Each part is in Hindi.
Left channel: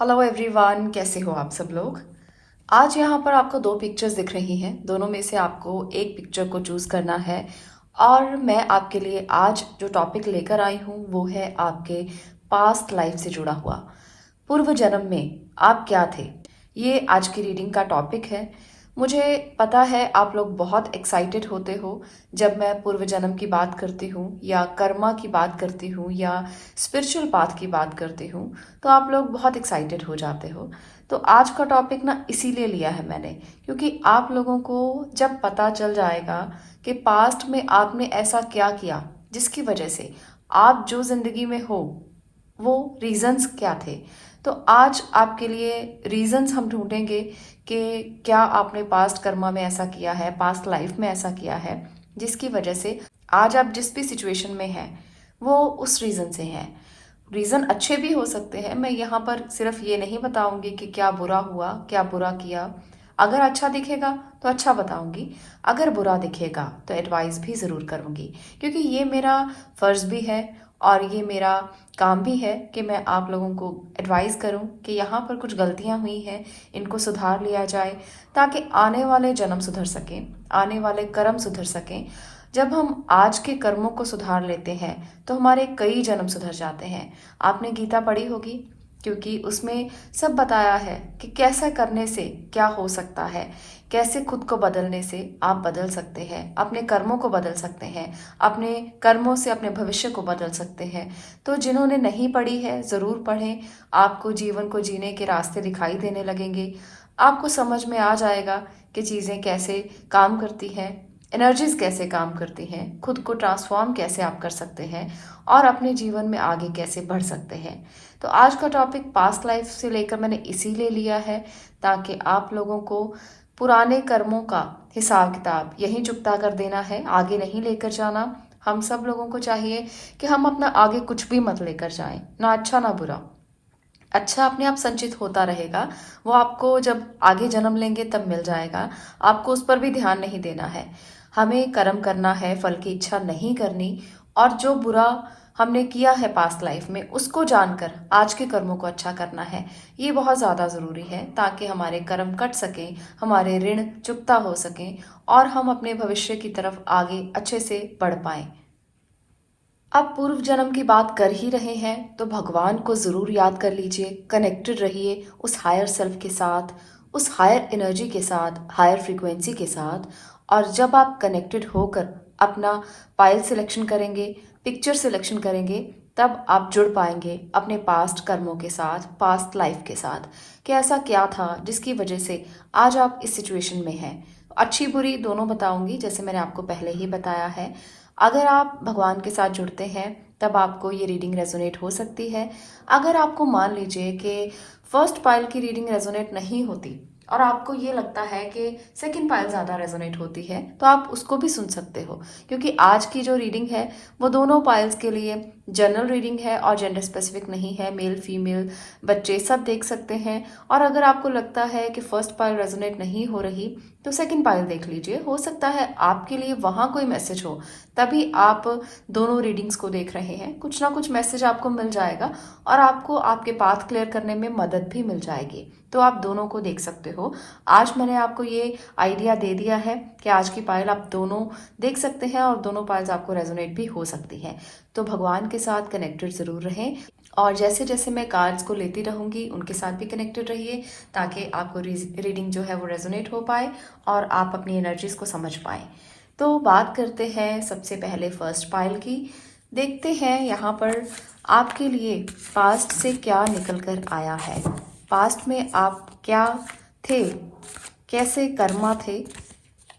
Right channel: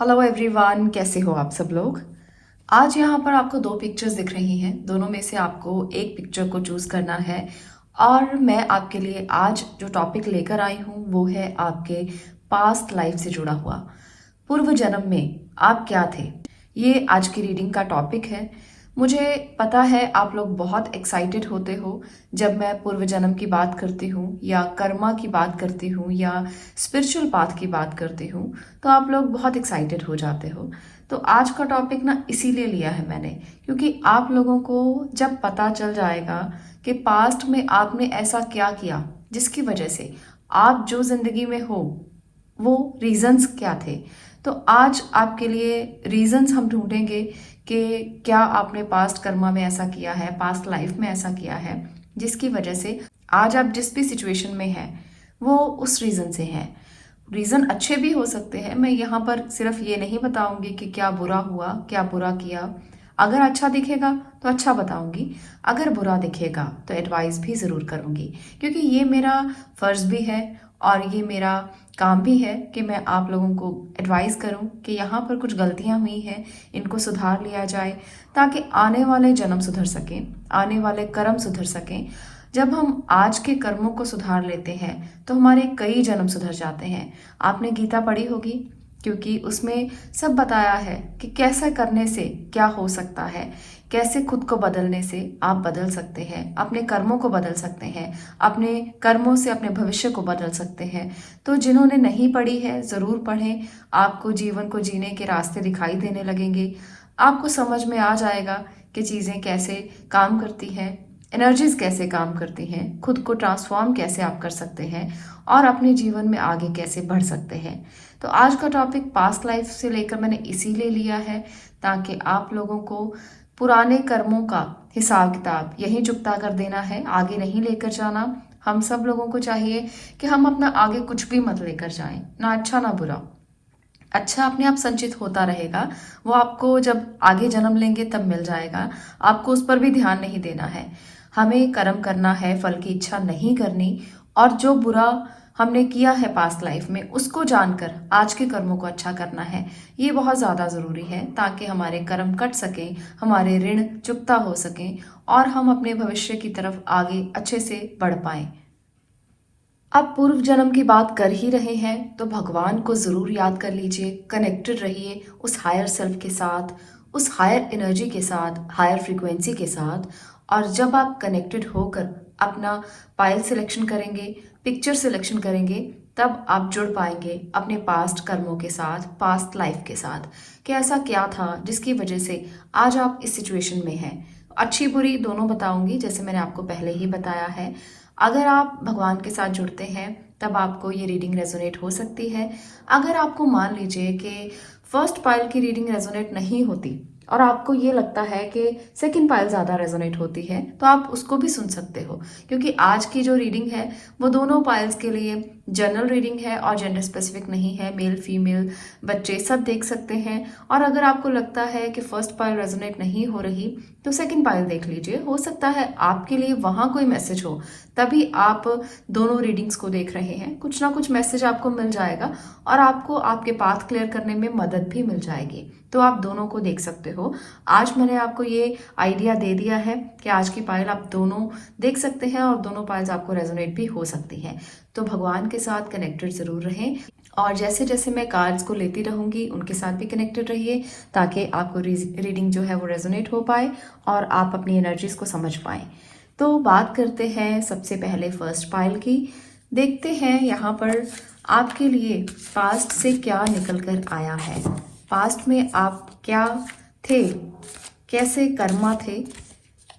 हेलो एवरीवन, कैसे हो आप सब लोग। आज यहाँ पर आपको दो पिक्चर्स दिख रही हैं। दोनों में से आपको एक पिक्चर को चूज करना है और मैं आपके लिए आज जो टॉपिक लेकर आई हूँ वो है आपके पास्ट लाइफ से जुड़ा हुआ। पूर्व जन्म में आप क्या थे, ये आज की रीडिंग का टॉपिक है। मुझे पता है आप लोग बहुत एक्साइटेड होते हो जब मैं पूर्व जन्म की बात करती हूँ या कर्मा की बात करती हूँ या स्पिरिचुअल पाथ की बात करती हूँ, तो आप लोग बहुत एक्साइटेड हो जाते हो। तो आज का टॉपिक ना इसीलिए लिया है मैंने, क्योंकि आप लोगों को जब पता चल जाएगा कि पास्ट में आपने ऐसा क्या किया जिसकी वजह से आप जो जिंदगी में हो वो रीजंस क्या थे, तो आज आपके लिए रीजंस हम ढूंढेंगे कि क्या आपने पास्ट कर्मा में ऐसा किया है, पास्ट लाइफ में ऐसा किया है जिसकी वजह से आज आप जिस भी सिचुएशन में हैं वो उस रीजन से है। रीजन अच्छे भी हो सकते हैं, मैं यहाँ पर सिर्फ ये नहीं बताऊंगी कि क्या बुरा हुआ, क्या बुरा किया। अगर अच्छा दिखेगा तो अच्छा बताऊंगी, अगर बुरा दिखेगा तो एडवाइस भी जरूर करूंगी, क्योंकि ये मेरा फर्ज भी है और ये मेरा काम भी है कि मैं आप लोगों को एडवाइस करूं कि यहाँ पर कुछ गलतियां हुई हैं, इनको सुधार लिया जाए ताकि आने वाले जन्म सुधर सकें, आने वाले कर्म सुधर सकें। जब हम आज के कर्मों को सुधार लेते हैं तो हमारे कई जन्म सुधर जाते हैं। आपने गीता पढ़ी होगी, क्योंकि उसमें सब बताया है कि कैसे करने से क्या हो सकता है, कैसे खुद को बदलने से आप बदल सकते हैं, अपने कर्मों को बदल सकते हैं, अपने कर्मों से अपने भविष्य को बदल सकते हैं। तो जिन्होंने नहीं पढ़ी है जरूर पढ़ें, आपको जीवन को जीने के रास्ते दिखाई देने लगेंगे। आपको समझ में आ जाएगा कि चीजें कैसे काम करती हैं, एनर्जीज कैसे काम करती हैं, खुद को ट्रांसफॉर्म कैसे आप कर सकते हैं और अपने जीवन में आगे कैसे बढ़ सकते हैं। तो आज का टॉपिक पास्ट लाइफ से लेकर मैंने इसीलिए लिया है ताकि आप लोगों को पुराने कर्मों का हिसाब किताब यहीं चुकता कर देना है, आगे नहीं लेकर जाना। हम सब लोगों को चाहिए कि हम अपना आगे कुछ भी मत लेकर जाएं, ना अच्छा ना बुरा। अच्छा अपने आप संचित होता रहेगा, वो आपको जब आगे जन्म लेंगे तब मिल जाएगा। आपको उस पर भी ध्यान नहीं देना है। हमें कर्म करना है, फल की इच्छा नहीं करनी। और जो बुरा हमने किया है पास्ट लाइफ में उसको जानकर आज के कर्मों को अच्छा करना है। ये बहुत ज्यादा जरूरी है ताकि हमारे कर्म कट सके, हमारे ऋण चुकता हो सके और हम अपने भविष्य की तरफ आगे अच्छे से बढ़ पाए। अब पूर्व जन्म की बात कर ही रहे हैं तो भगवान को जरूर याद कर लीजिए, कनेक्टेड रहिए उस हायर सेल्फ के साथ, उस हायर एनर्जी के साथ, हायर फ्रीक्वेंसी के साथ। और जब आप कनेक्टेड होकर अपना पाइल सिलेक्शन करेंगे, पिक्चर सिलेक्शन करेंगे, तब आप जुड़ पाएंगे अपने पास्ट कर्मों के साथ, पास्ट लाइफ के साथ कि ऐसा क्या था जिसकी वजह से आज आप इस सिचुएशन में हैं। अच्छी बुरी दोनों बताऊंगी, जैसे मैंने आपको पहले ही बताया है। अगर आप भगवान के साथ जुड़ते हैं तब आपको ये रीडिंग रेजोनेट हो सकती है। अगर आपको मान लीजिए कि फर्स्ट पाइल की रीडिंग रेजोनेट नहीं होती और आपको ये लगता है कि सेकंड पाइल ज्यादा रेजोनेट होती है, तो आप उसको भी सुन सकते हो, क्योंकि आज की जो रीडिंग है वो दोनों पाइल्स के लिए जनरल रीडिंग है और जेंडर स्पेसिफिक नहीं है। मेल फीमेल बच्चे सब देख सकते हैं। और अगर आपको लगता है कि फर्स्ट पाइल रेजोनेट नहीं हो रही तो सेकंड पाइल देख लीजिए, हो सकता है आपके लिए वहां कोई मैसेज हो, तभी आप दोनों रीडिंग्स को देख रहे हैं। कुछ ना कुछ मैसेज आपको मिल जाएगा और आपको आपके पाथ क्लियर करने में मदद भी मिल जाएगी, तो आप दोनों को देख सकते हो। आज मैंने आपको ये आइडिया दे दिया है कि आज की पायल आप दोनों देख सकते हैं और दोनों पायल्स आपको रेजोनेट भी हो सकती हैं। तो भगवान के साथ कनेक्टेड जरूर रहें और जैसे जैसे मैं कार्ड्स को लेती रहूंगी उनके साथ भी कनेक्टेड रहिए ताकि आपको रीडिंग जो है वो रेजोनेट हो पाए और आप अपनी एनर्जीज को समझ पाए। तो बात करते हैं सबसे पहले फर्स्ट पाइल की। देखते हैं यहाँ पर आपके लिए पास्ट से क्या निकल कर आया है। पास्ट में आप क्या थे, कैसे कर्मा थे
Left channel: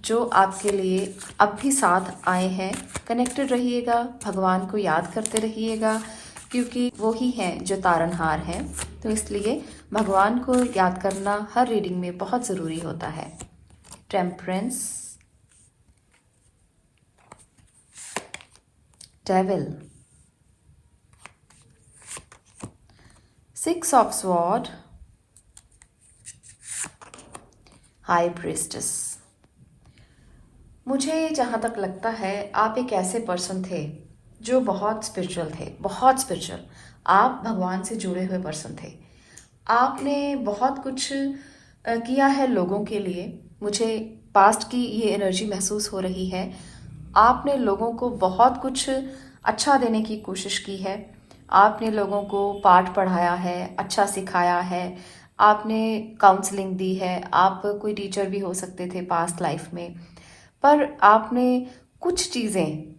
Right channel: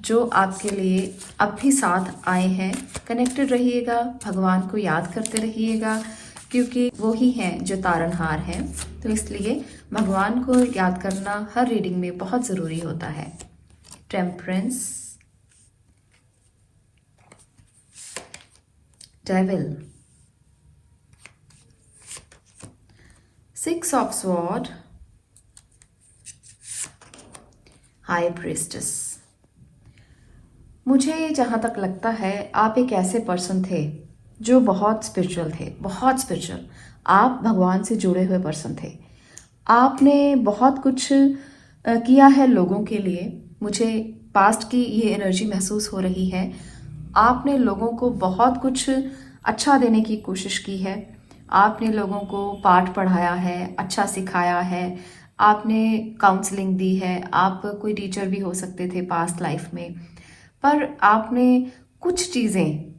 जो आपके लिए अब भी साथ आए हैं। कनेक्टेड रहिएगा, भगवान को याद करते रहिएगा, क्योंकि वो ही हैं जो तारनहार हैं। तो इसलिए भगवान को याद करना हर रीडिंग में बहुत ज़रूरी होता है। Temperance, devil, six of sword, high priestess. मुझे जहाँ तक लगता है आप एक ऐसे पर्सन थे जो बहुत स्पिरिचुअल थे, बहुत स्पिरिचुअल। आप भगवान से जुड़े हुए पर्सन थे। आपने बहुत कुछ किया है लोगों के लिए। मुझे पास्ट की ये एनर्जी महसूस हो रही है। आपने लोगों को बहुत कुछ अच्छा देने की कोशिश की है। आपने लोगों को पाठ पढ़ाया है, अच्छा सिखाया है। आपने काउंसलिंग दी है। आप कोई टीचर भी हो सकते थे पास्ट लाइफ में। पर आपने कुछ चीज़ें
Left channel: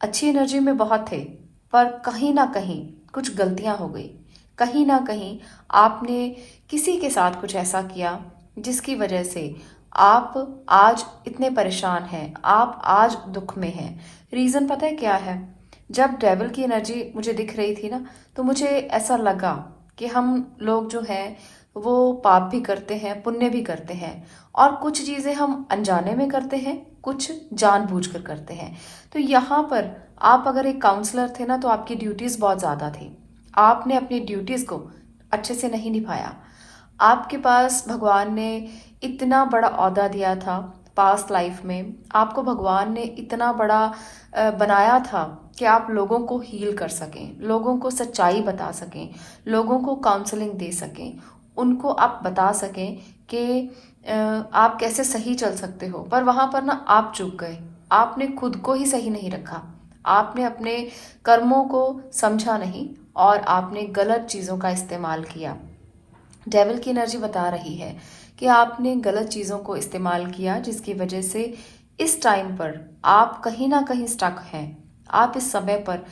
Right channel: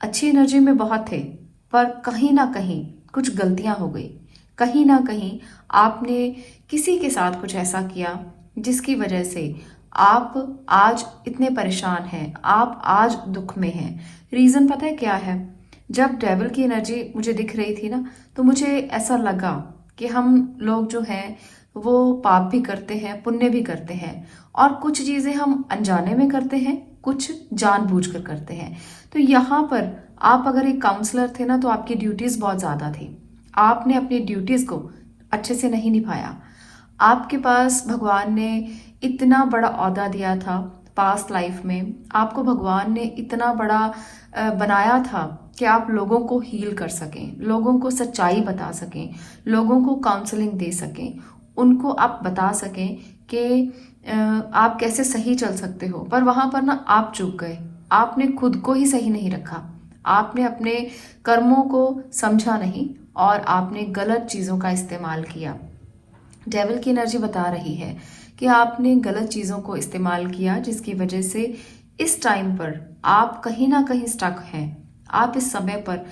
अच्छी एनर्जी में बहुत थे, पर कहीं ना कहीं कुछ गलतियां हो गई। कहीं ना कहीं आपने किसी के साथ कुछ ऐसा किया जिसकी वजह से आप आज इतने परेशान हैं, आप आज दुख में हैं। रीज़न पता है क्या है? जब डेविल की एनर्जी मुझे दिख रही थी ना, तो मुझे ऐसा लगा कि हम लोग जो हैं वो पाप भी करते हैं, पुण्य भी करते हैं, और कुछ चीज़ें हम अनजाने में करते हैं, कुछ जानबूझकर करते हैं। तो यहाँ पर आप अगर एक काउंसलर थे ना, तो आपकी ड्यूटीज़ बहुत ज़्यादा थी। आपने अपनी ड्यूटीज़ को अच्छे से नहीं निभाया। आपके पास भगवान ने इतना बड़ा ओहदा दिया था पास्ट लाइफ में। आपको भगवान ने इतना बड़ा बनाया था कि आप लोगों को हील कर सकें, लोगों को सच्चाई बता सकें, लोगों को काउंसलिंग दे सकें, उनको आप बता सकें कि आप कैसे सही चल सकते हो। पर वहाँ पर ना आप चूक गए। आपने खुद को ही सही नहीं रखा। आपने अपने कर्मों को समझा नहीं और आपने गलत चीज़ों का इस्तेमाल किया। डेविल की एनर्जी बता रही है कि आपने गलत चीज़ों को इस्तेमाल किया, जिसकी वजह से इस टाइम पर आप कहीं ना कहीं स्टक हैं। आप इस समय पर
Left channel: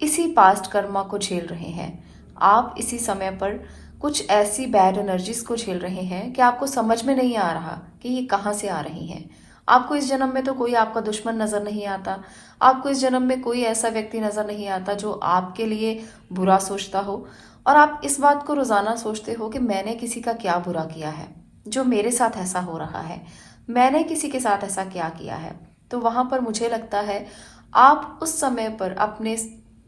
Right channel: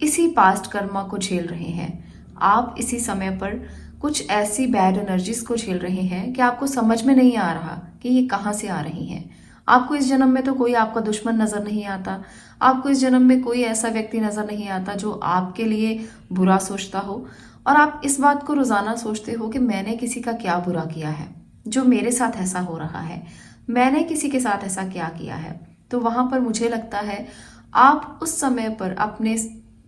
इसी पास्ट कर्मा को झेल रहे हैं। आप इसी समय पर कुछ ऐसी बैड एनर्जीज को झेल रहे हैं कि आपको समझ में नहीं आ रहा कि ये कहाँ से आ रही हैं। आपको इस जन्म में तो कोई आपका दुश्मन नजर नहीं आता। आपको इस जन्म में कोई ऐसा व्यक्ति नजर नहीं आता जो आपके लिए बुरा सोचता हो। और आप इस बात को रोजाना सोचते हो कि मैंने किसी का क्या बुरा किया है जो मेरे साथ ऐसा हो रहा है, मैंने किसी के साथ ऐसा क्या किया है। तो वहां पर मुझे लगता है आप उस समय पर अपने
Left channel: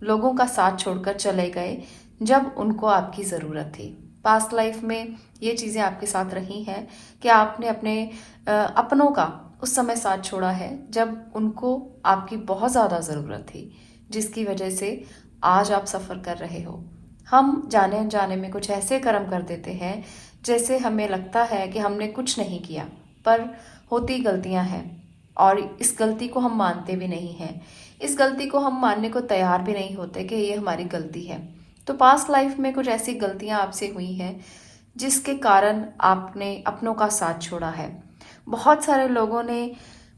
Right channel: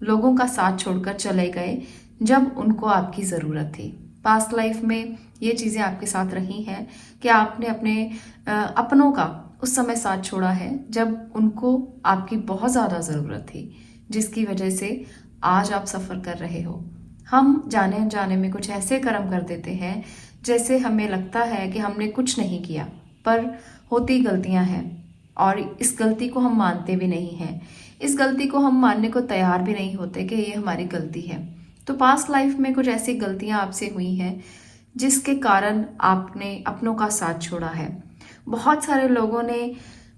लोगों का साथ छोड़कर चले गए जब उनको आपकी ज़रूरत थी। पास्ट लाइफ में ये चीज़ें आपके साथ रही हैं कि आपने अपने अपनों का उस समय साथ छोड़ा है जब उनको आपकी बहुत ज़्यादा ज़रूरत थी, जिसकी वजह से आज आप सफ़र कर रहे हो। हम जाने अनजाने में कुछ ऐसे कर्म कर देते हैं जैसे हमें लगता है कि हमने कुछ नहीं किया, पर होती गलतियां हैं और इस गलती को हम मानते भी नहीं हैं। इस गलती को हम मानने को तैयार भी नहीं होते कि ये हमारी गलती है। तो पास्ट लाइफ में कुछ ऐसी गलतियां आपसे हुई हैं जिसके कारण आपने अपनों का साथ छोड़ा है। बहुत सारे लोगों ने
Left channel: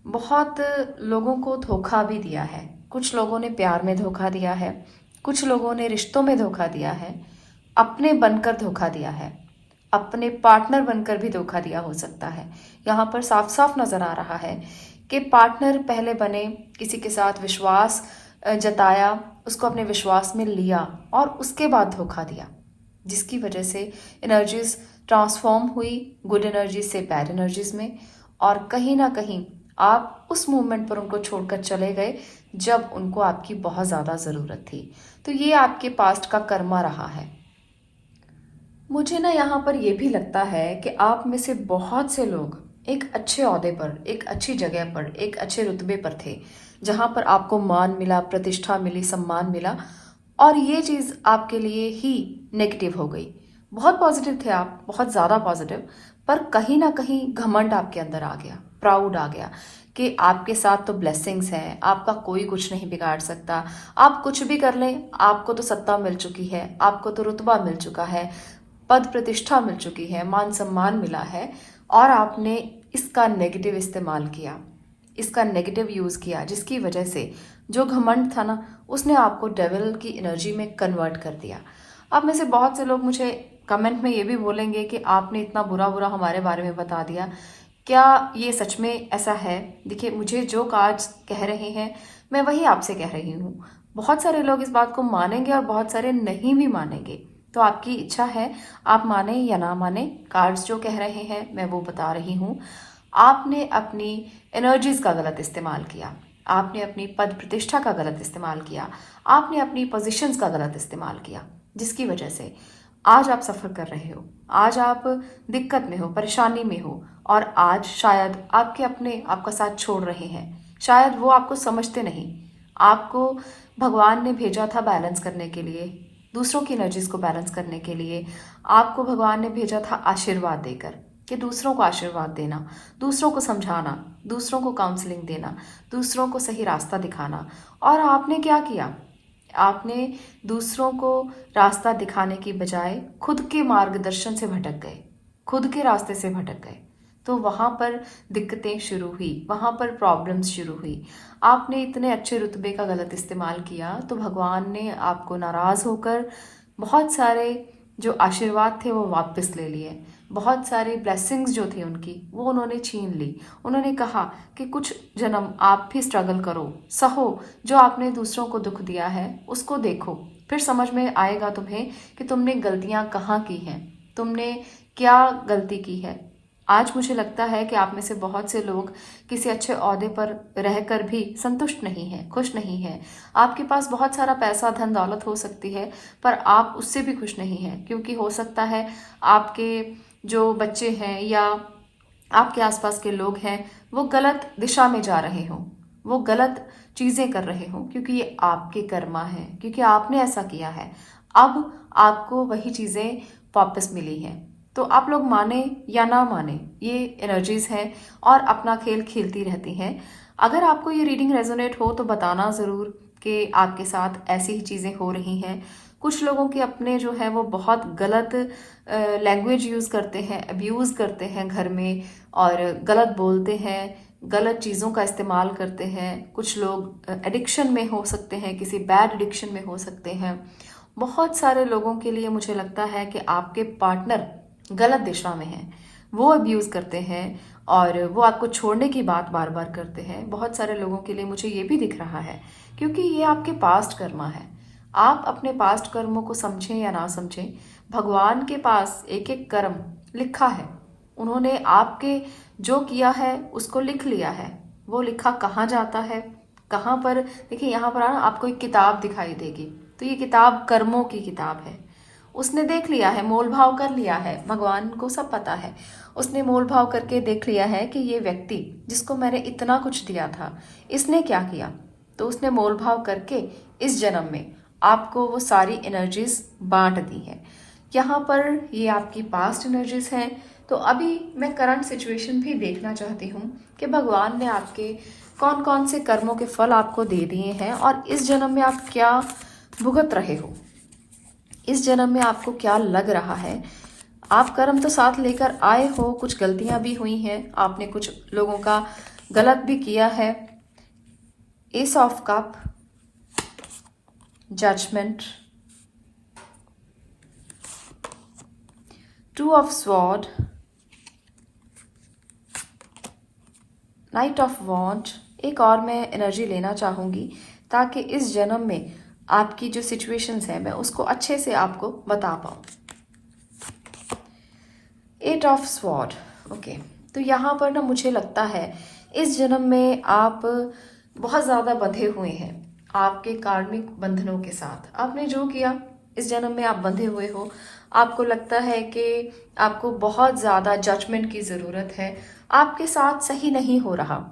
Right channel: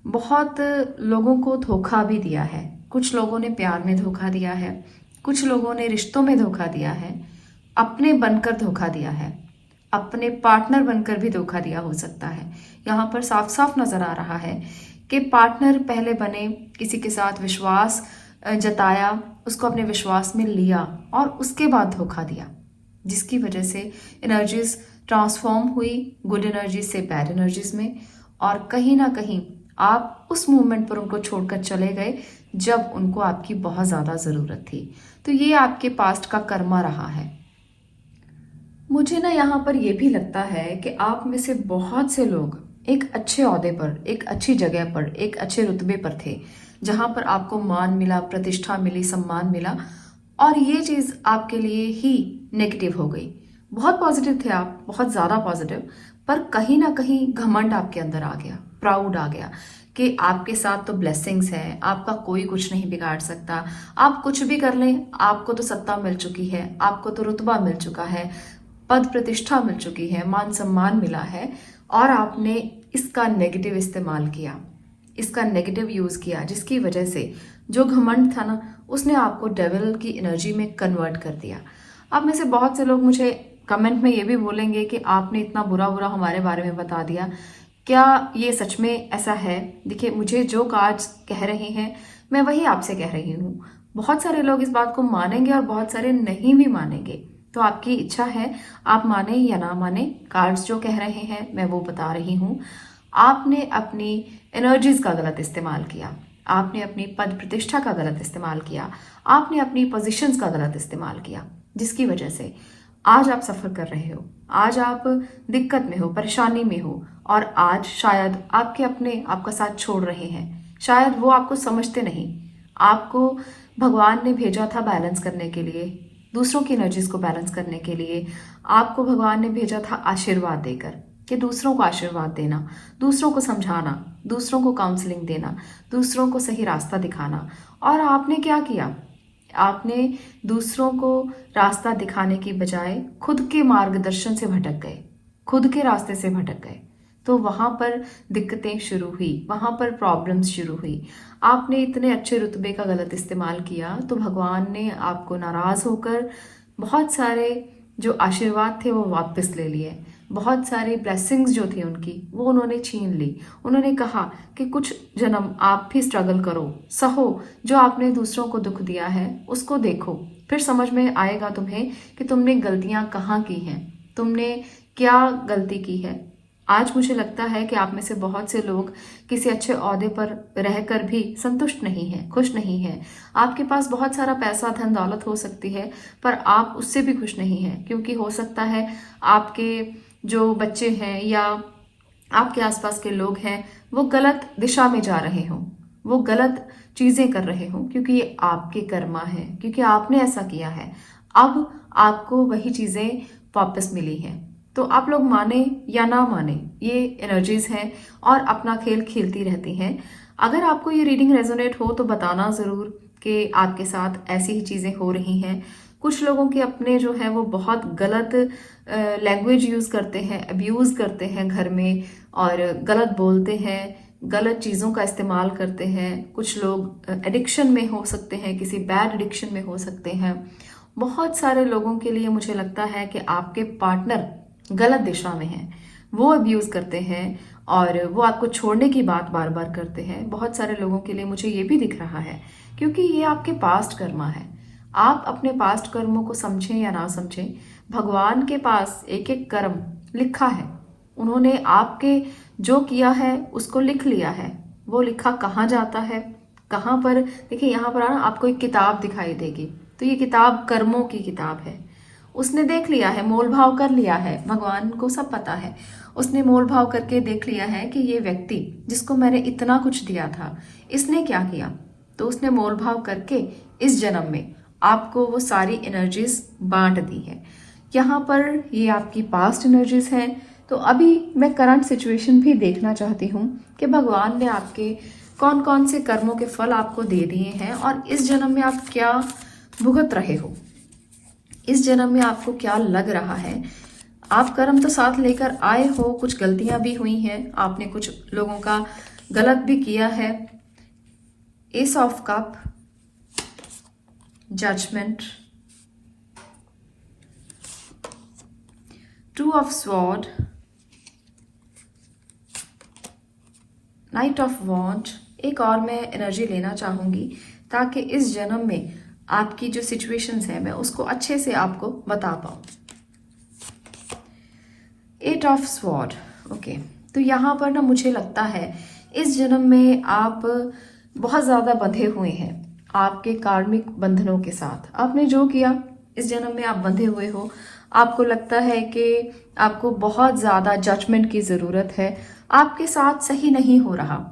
बहुत लोगों को धोखा भी दिया है। कुछ लोगों ने प्यार में धोखा दिया है, कुछ लोगों ने रिश्तों में धोखा दिया है, अपने बनकर धोखा दिया है, अपने पार्टनर बनकर भी धोखा दिया हो सकता है। यहाँ पर साफ साफ नजर आ रहा है कि पार्टनर पहले बने, किसी के साथ विश्वास जताया, उसको अपने विश्वास में लिया और उसके बाद धोखा दिया, जिसकी वजह से एनर्जीज ट्रांसफॉर्म हुई गुड एनर्जी से बैड एनर्जीज में। और कहीं ना कहीं आप उस मोमेंट पर उनको छोड़कर चले गए जब उनको आपकी बहुत ज़्यादा ज़रूरत थी। तो ये आपके पास्ट का कर्मा रहा है। मुझे ना यहाँ पर यह भी लगता है कि आप में से बहुत से लोग एक अच्छे ओहदे पर, एक अच्छी जगह पर, एक अच्छे रुतबे पर थे, जहाँ पर आपको मान मिला, प्रतिष्ठा मिली, सम्मान मिला, और ये चीज़ आपके लिए ही नेगेटिव हो गई। बहुत पॉजिटिव थे आप, बहुत ज़्यादा पॉजिटिव, पर कहीं ना कहीं घमंड आपके अंदर आ गया, प्राउड आ गया कि आपके साथ तो ब्लेसिंग्स हैं, आपका कोई कुछ नहीं बिगाड़ सकता, आप कुछ भी कर लें, आपको तो सत्ता मिल चुकी है, आपको तो रुतबा मिल चुका है, पद प्रतिष्ठा मिल चुकी है, मान सम्मान मिला है, और आपने इसका नेगेटिव इस्तेमाल किया, इसका नेगेटिव यूज़ किया, जिसकी वजह से जो घमंड था ना, उसने आपको डेविल की एनर्जी में कन्वर्ट कर दिया। अब में से बहुत से लोग मुझे कमेंट में ये भी बोलेंगे कि आपने इतना बुरा बुरा हमारे बारे में बता दिया, क्या ये सच में ऐसा है? देखिए, मुझे जो कार्ड्स कह रहे हैं मैं वही आपसे कह रही हूँ। बहुत सारे लोग इस बात को मानेंगे और बहुत सारे नहीं भी मानेंगे, तो आपकी इच्छा है, आप माने या ना माने। कार्ड्स जो कह रहे हैं मैं वो बता रही हूँ। आपने अपनी एनर्जीज का गलत इस्तेमाल किया, आपने अपनी पद प्रतिष्ठा का गलत इस्तेमाल किया, आपने अपनी पोजीशंस का गलत इस्तेमाल किया, जिसकी वजह से आज आप सफ़र कर रहे हो, आज आप दिक्कत में हो, परेशानी में हो, और आज शायद आपके अपने आपका साथ छोड़ रहे हैं। शायद वो आपको समझते नहीं। आपको भगवान ने भेजा था बैलेंस करने के लिए, दूसरों की एनर्जीज को बैलेंस करने के लिए आपको भगवान ने भेजा था आशीर्वाद देकर, कि दूसरों को आशीर्वाद देना, दूसरों को समझाना, दूसरों को काउंसलिंग देना, दूसरों को सही रास्ता दिखाना। और आपने क्या किया? आपने दूसरों को रास्ता दिखाने की बजाय खुद के मार्गदर्शन से भटक गए, खुद के रास्ते से भटक गए। तो वहाँ पर दिक्कतें शुरू हुई, वहाँ पर प्रॉब्लम्स शुरू हुई। आपने इतने अच्छे रुतबे का गलत इस्तेमाल किया तो भगवान ने आपको नाराज़ होकर बहुत सारे जो आशीर्वाद थे वो वापस ले लिए। बहुत सारी ब्लेसिंग्स जो थी उनकी वो उन्होंने छीन ली। उन्होंने कहा कि कुछ जन्म आप भी स्ट्रगल करो, सहो, जो आपने दूसरों को दुख दिया है उसको देखो, फिर समझ में आएगा तुम्हें कि तुमने गलतियां कहाँ की हैं, तुमने क्या गलती की है। आज मुझे लगता है कि आप में से बहुत से लोग किसी अच्छे ओहदे पर रहकर भी संतुष्ट नहीं हैं, खुश नहीं हैं। आपके पास बहुत सारा पैसा, धन दौलत हो सकती है, पर आप उससे भी खुश नहीं हैं, क्योंकि हो सकता है आपके जो बच्चे हैं या आपके आसपास के लोग हैं वो गलत दिशा में जा रहे हों, वो गलत चीज़ें कर रहे हों, क्योंकि ये आपके कर्मा हैं, क्योंकि आपने ऐसा किया है। अब आपको वही चीज़ें वापस मिली हैं। तो आप लोग माने या ना माने, ये एनर्जीज हैं और अपना खेल खेलती रहती हैं। अगर आपको ये रीडिंग रेजोनेट हो तो बताना ज़रूर कि आपके साथ ऐसी ही चीज़ें हो रही हैं। कुछ लोगों के अपने जो है वो बहुत गलत लैंग्वेज यूज़ करते हैं, अब्यूज़ करते हैं घर में, और गलत बोलते हैं, गलत चीज़ों का इस्तेमाल करते हैं। कुछ लोग एडिक्शन में हो सकते हैं, किसी बैड एडिक्शन में हो सकते हैं। बहुत सारे लोगों के लिए मुझे लगता है कि आपके पार्टनर गलत दिशा में हैं, वो अब्यूज़ करते हैं और वो आपको छोड़ने की बात बार बार करते हैं। बहुत सारे लोगों के लिए मुझे ये भी दिख रहा है, क्योंकि ये आपके पास्ट कर्मा है। आप अपने पास्ट कर्मों को समझें या ना समझें, भगवान के पास एक एक कर्म लिखा है। उन्होंने आपके जो किया है उसको लिख लिया है। वो लिखा कहाँ जाता है, कहाँ पर, देखिए यहाँ पर आपको एक किताब दिखाई देगी, तो ये किताब कर्मों की किताब है। उसने देख लिया है, मोल भाव कर लिया है, भगवान को सब पता है। उसने मोल भाव करके देख लिया है कि ये व्यक्ति जिसको मैंने इतना कुछ दिया था, इसने क्या किया। तो उसने मोल भाव करके इस जन्म में आपको वो सारी एनर्जीज बांट दी है। यहाँ पर ये आपकी पास्ट एनर्जीज है। तो अभी मैं करंट सिचुएशन भी देखना चाहती हूँ कि भगवान ने आपके कौन कौन से कर्मों के फल आपको दे दिए हैं और इस जन्म में आप क्या भुगत रहे हो, इस जन्म में आपको क्या लग रहा है। आप कर्म तो साथ लेकर आए हो, कुछ गलतियां भी हुई हैं, आपने कुछ लोगों का गलत भी किया है। Ace of cup, judgement, two of sword, knight of wand. एक और मैं एनर्जी लेना चाहूंगी ताकि इस जन्म में आपकी जो सिचुएशंस है मैं उसको अच्छे से आपको बता पाऊँ। At of sword, okay. तो यहाँ पर ना मुझे लगता है इस जन्म में आप बहुत ज़्यादा बंधे हुए हैं आपके कार्मिक बंधनों के साथ। आपने जो किया इस जन्म में आप बंधे हुए हो। आपको लगता है कि आपको बहुत ज़्यादा जजमेंट की ज़रूरत है, आपके साथ सही नहीं हो रहा।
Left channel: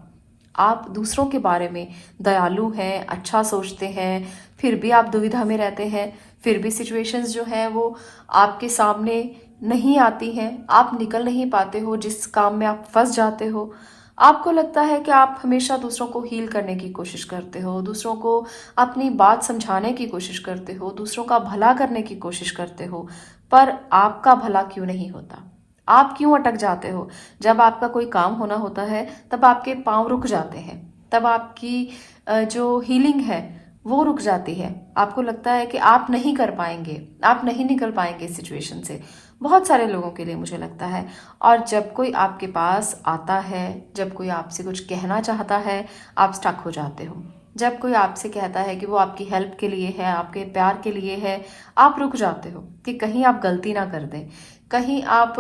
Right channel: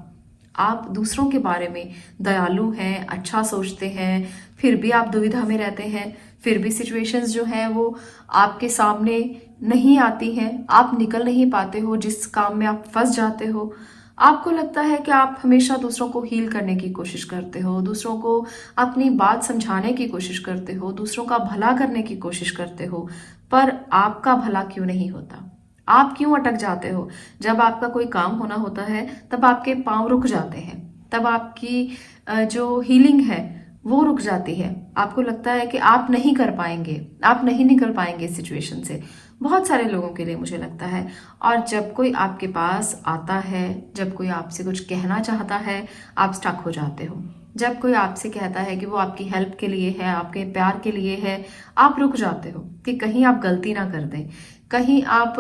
आप दूसरों के बारे में दयालु हैं, अच्छा सोचते हैं, फिर भी आप दुविधा में रहते हैं, फिर भी सिचुएशंस जो है वो आपके सामने नहीं आती हैं, आप निकल नहीं पाते हो, जिस काम में आप फंस जाते हो। आपको लगता है कि आप हमेशा दूसरों को हील करने की कोशिश करते हो, दूसरों को अपनी बात समझाने की कोशिश करते हो, दूसरों का भला करने की कोशिश करते हो, पर आपका भला क्यों नहीं होता? आप क्यों अटक जाते हो? जब आपका कोई काम होना होता है तब आपके पांव रुक जाते हैं, तब आपकी जो हीलिंग है वो रुक जाती है। आपको लगता है कि आप नहीं कर पाएंगे, आप नहीं निकल पाएंगे इस सिचुएशन से। बहुत सारे लोगों के लिए मुझे लगता है। और जब कोई आपके पास आता है, जब कोई आपसे कुछ कहना चाहता है, आप स्टक हो जाते हो। जब कोई आपसे कहता है कि वो आपकी हेल्प के लिए है, आपके प्यार के लिए है, आप रुक जाते हो कि कहीं आप गलती ना कर दें, कहीं आप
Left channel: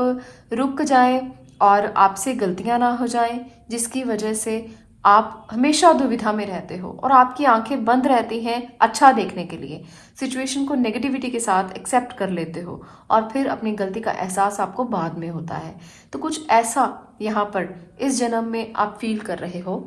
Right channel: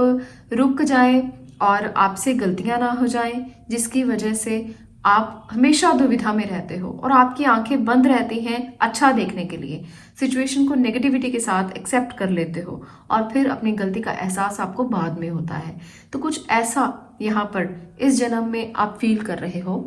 रुक जाएं और आपसे गलतियां ना हो जाएं, जिसकी वजह से आप हमेशा दुविधा में रहते हो और आपकी आंखें बंद रहती हैं अच्छा देखने के लिए। सिचुएशन को नेगेटिविटी के साथ एक्सेप्ट कर लेते हो और फिर अपनी गलती का एहसास आपको बाद में होता है। तो कुछ ऐसा यहाँ पर इस जन्म में आप फील कर रहे हो।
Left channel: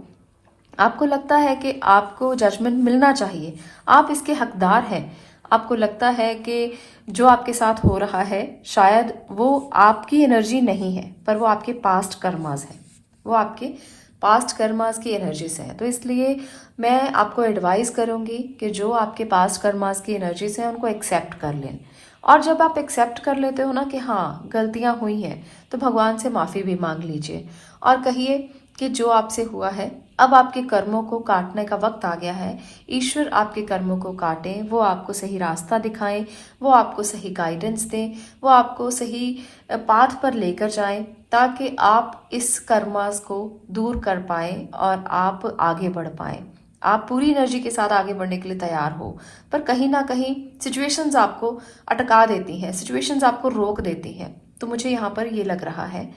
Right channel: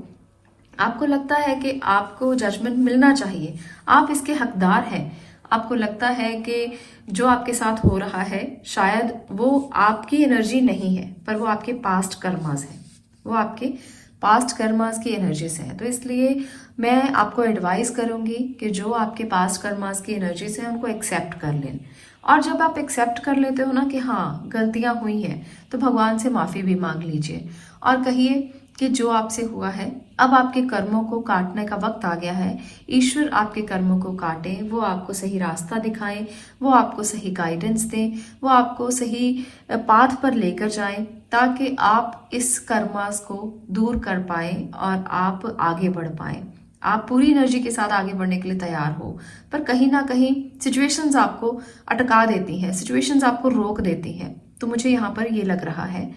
आपको लगता है कि आपको जजमेंट मिलना चाहिए, आप इसके हकदार हैं, आपको लगता है कि जो आपके साथ हो रहा है शायद वो आपकी एनर्जी नहीं है, पर वो आपके पास्ट कर्मास है, वो आपके पास्ट कर्मास की एनर्जीज हैं। तो इसलिए मैं आपको एडवाइस करूंगी कि जो आपके पास्ट कर्मास की एनर्जीज हैं उनको एक्सेप्ट कर लें। और जब आप एक्सेप्ट कर लेते हो ना कि हाँ गलतियां हुई हैं, तो भगवान से माफ़ी भी मांग लीजिए और कहिए कि जो आपसे हुआ है अब आपके कर्मों को काटने का वक्त आ गया है। ईश्वर आपके कर्मों को काटें, वो आपको सही रास्ता दिखाएं, वो आपको सही गाइडेंस दें, वो आपको सही पाथ पर लेकर जाएं, ताकि आप इस कर्मास को दूर कर पाएं और आप आगे बढ़ पाएं। आप पूरी एनर्जी के साथ आगे बढ़ने के लिए तैयार हो, पर कहीं ना कहीं सिचुएशंस आपको अटका देती हैं, सिचुएशंस आपको रोक देती हैं। तो मुझे यहाँ पर ये लग रहा है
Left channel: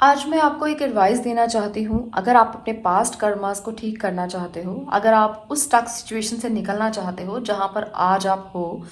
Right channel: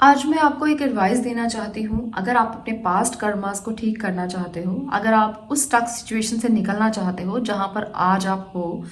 आज मैं आपको एक एडवाइस देना चाहती हूँ। अगर आप अपने पास्ट कर्मास को ठीक करना चाहते हो, अगर आप उस स्टक सिचुएशन से निकलना चाहते हो जहाँ पर आज आप हो,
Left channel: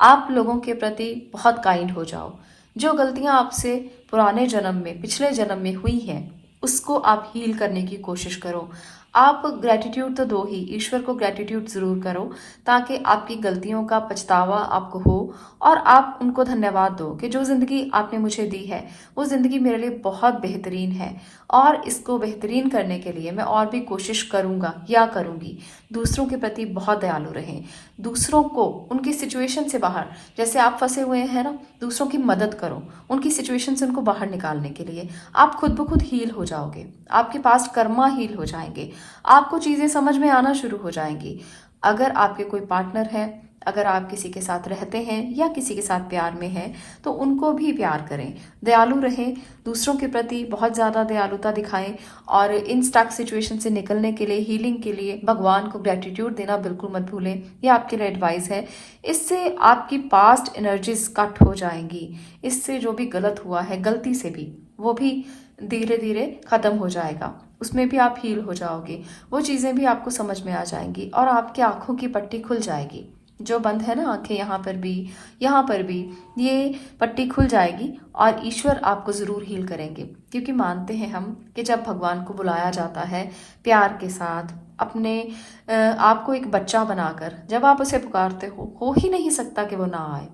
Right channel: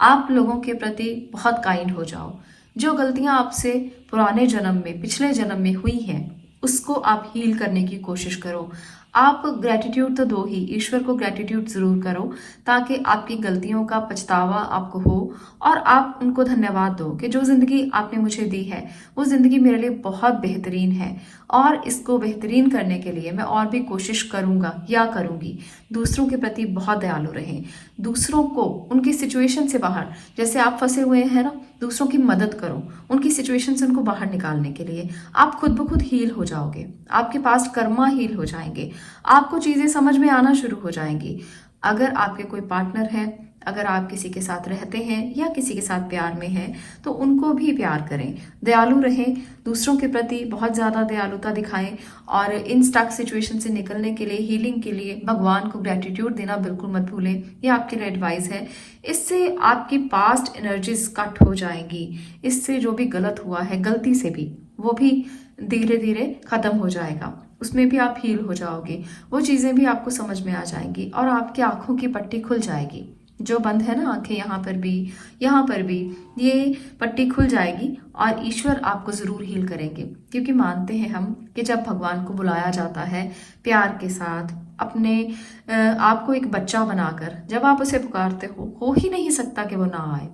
आप लोगों के प्रति बहुत काइंड हो जाओ। जो गलतियाँ आपसे पुराने जन्म में, पिछले जन्म में हुई हैं, उसको आप हील करने की कोशिश करो। आप ग्रेटिट्यूड तो दो ही, ईश्वर को ग्रेटिट्यूड जरूर करो, ताकि आपकी गलतियों का पछतावा आपको हो और आप उनको धन्यवाद दो कि जो जिंदगी आपने मुझे दी है वो जिंदगी मेरे लिए बहुत बेहतरीन है और इसको बेहतरीन करने के लिए मैं और भी कोशिश करूंगा या करूंगी। दूसरों के प्रति बहुत दयालु रहें, दूसरों को उनकी सिचुएशन से बाहर, जैसे आप फंसे हुए हैं ना, दूसरों की मदद करो उनकी सिचुएशन से उनको बाहर निकालने के लिए। आप खुद ब खुद हील हो जाओगे, आपके पास कर्मा हील हो जाएंगे, आपको चीजें समझ में आना शुरू हो जाएंगी। अगर आपके कोई पार्टनर है, अगर आप किसी के साथ रहते हैं या किसी के साथ प्यार में हैं, तो उनको भी प्यार करें, दयालु रहें, दूसरों के प्रति बहुत ज़्यादा दयालुता दिखाएं और इन स्टक सिचुएशन से निकलने के लिए, हीलिंग के लिए भगवान को ग्रेटिट्यूड देना बिल्कुल मत भूलें। ये आपके लिए एडवाइस है। इससे आपकी पास्ट एनर्जीज कट हो जाएंगी, इससे जो भी गलत हुआ है गलती से भी, वो भी धीरे धीरे खत्म हो जाएगा, उसमें भी आप हील हो जाओगे, वो चीज़ें भी आपको समझ में आ जाएंगी और आपकी आंखों की पट्टी खुल जाएगी। जो बंद है ना आंखें, यहाँ पर भी, यहाँ पर भी, ये पट्टी खुल जाएगी और ईश्वर आपको ज़रूर हील करेंगे। क्योंकि मानते हैं हम कि जब भगवान को बुलाया जाता है प्यार के साथ, अपने आपको एक बच्चा बनाकर जब आप उसे पुकारते हो ही नहीं सकता कि वो ना आए।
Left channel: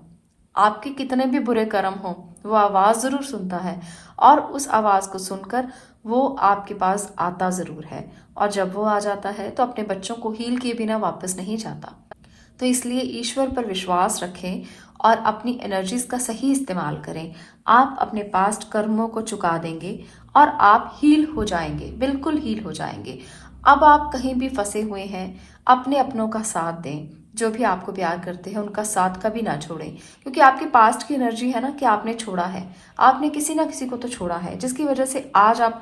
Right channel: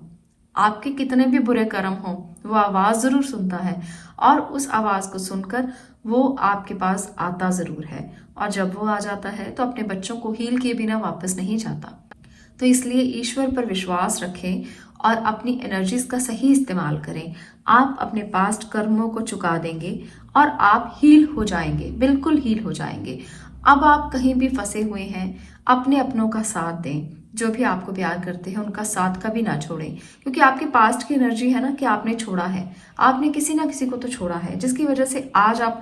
आपके कितने भी बुरे कर्म हो, वो आवाज़ ज़रूर सुनता है और उस आवाज़ को सुनकर वो आपके पास आता ज़रूर है। और जब वो आ जाता है तो अपने बच्चों को हील किए बिना वापस नहीं जाता। तो इसलिए ईश्वर पर विश्वास रखें और अपनी एनर्जीज का सही इस्तेमाल करें। आप अपने पास्ट कर्मों को चुका देंगे और आप हील हो जाएंगे, बिल्कुल हील हो जाएंगे। अब आप कहीं भी फंसे हुए हैं, अपने अपनों का साथ दें, जो भी आपको प्यार करते हैं उनका साथ कभी ना छोड़ें। क्योंकि आपकी पास्ट की एनर्जी है ना कि आपने छोड़ा है, आपने किसी ना किसी को तो छोड़ा है, जिसकी वजह से आज आप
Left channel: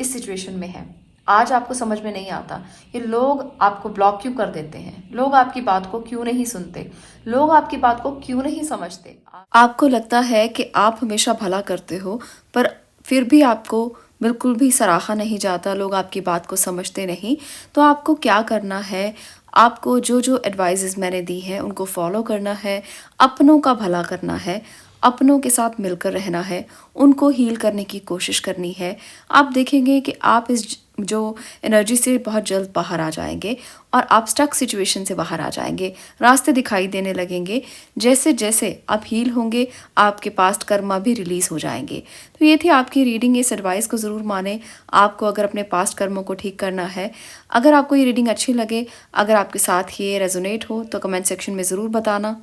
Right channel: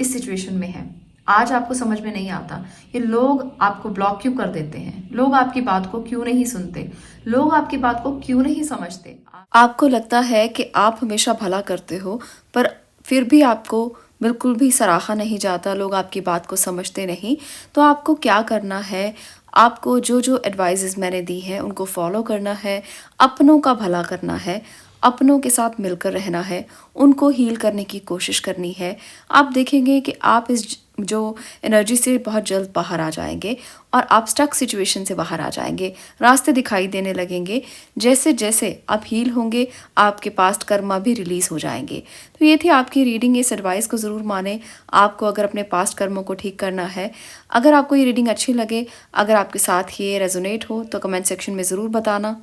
इस सिचुएशन में हैं। आज आपको समझ में नहीं आता कि लोग आपको ब्लॉक क्यों कर देते हैं, लोग आपकी बात को क्यों नहीं सुनते, लोग आपकी बात को क्यों नहीं समझते। आपको लगता है कि आप हमेशा भला करते हो, पर फिर भी आपको बिल्कुल भी सराहा नहीं जाता, लोग आपकी बात को समझते नहीं। तो आपको क्या करना है, आपको जो जो एडवाइजेस मैंने दी हैं उनको फॉलो करना है, अपनों का भला करना है, अपनों के साथ मिलकर रहना है, उनको हील करने की कोशिश करनी है। आप देखेंगे कि आप इस जो एनर्जी से बहुत जल्द बाहर आ जाएंगे और आप स्टक सिचुएशन से बाहर आ जाएंगे, रास्ते दिखाई देने लगेंगे। जैसे जैसे आप हील होंगे आपके पास्ट कर्मा भी रिलीज़ हो जाएंगे। तो ये थी आपकी रीडिंग, इस एडवाइस को ज़रूर माने आपको अगर अपने पास्ट कर्मों को ठीक करना है। अगर आपको ये रीडिंग अच्छी लगे, अगर आपके साथ ये रेजोनेट हो तो कमेंट सेक्शन में ज़रूर बताना।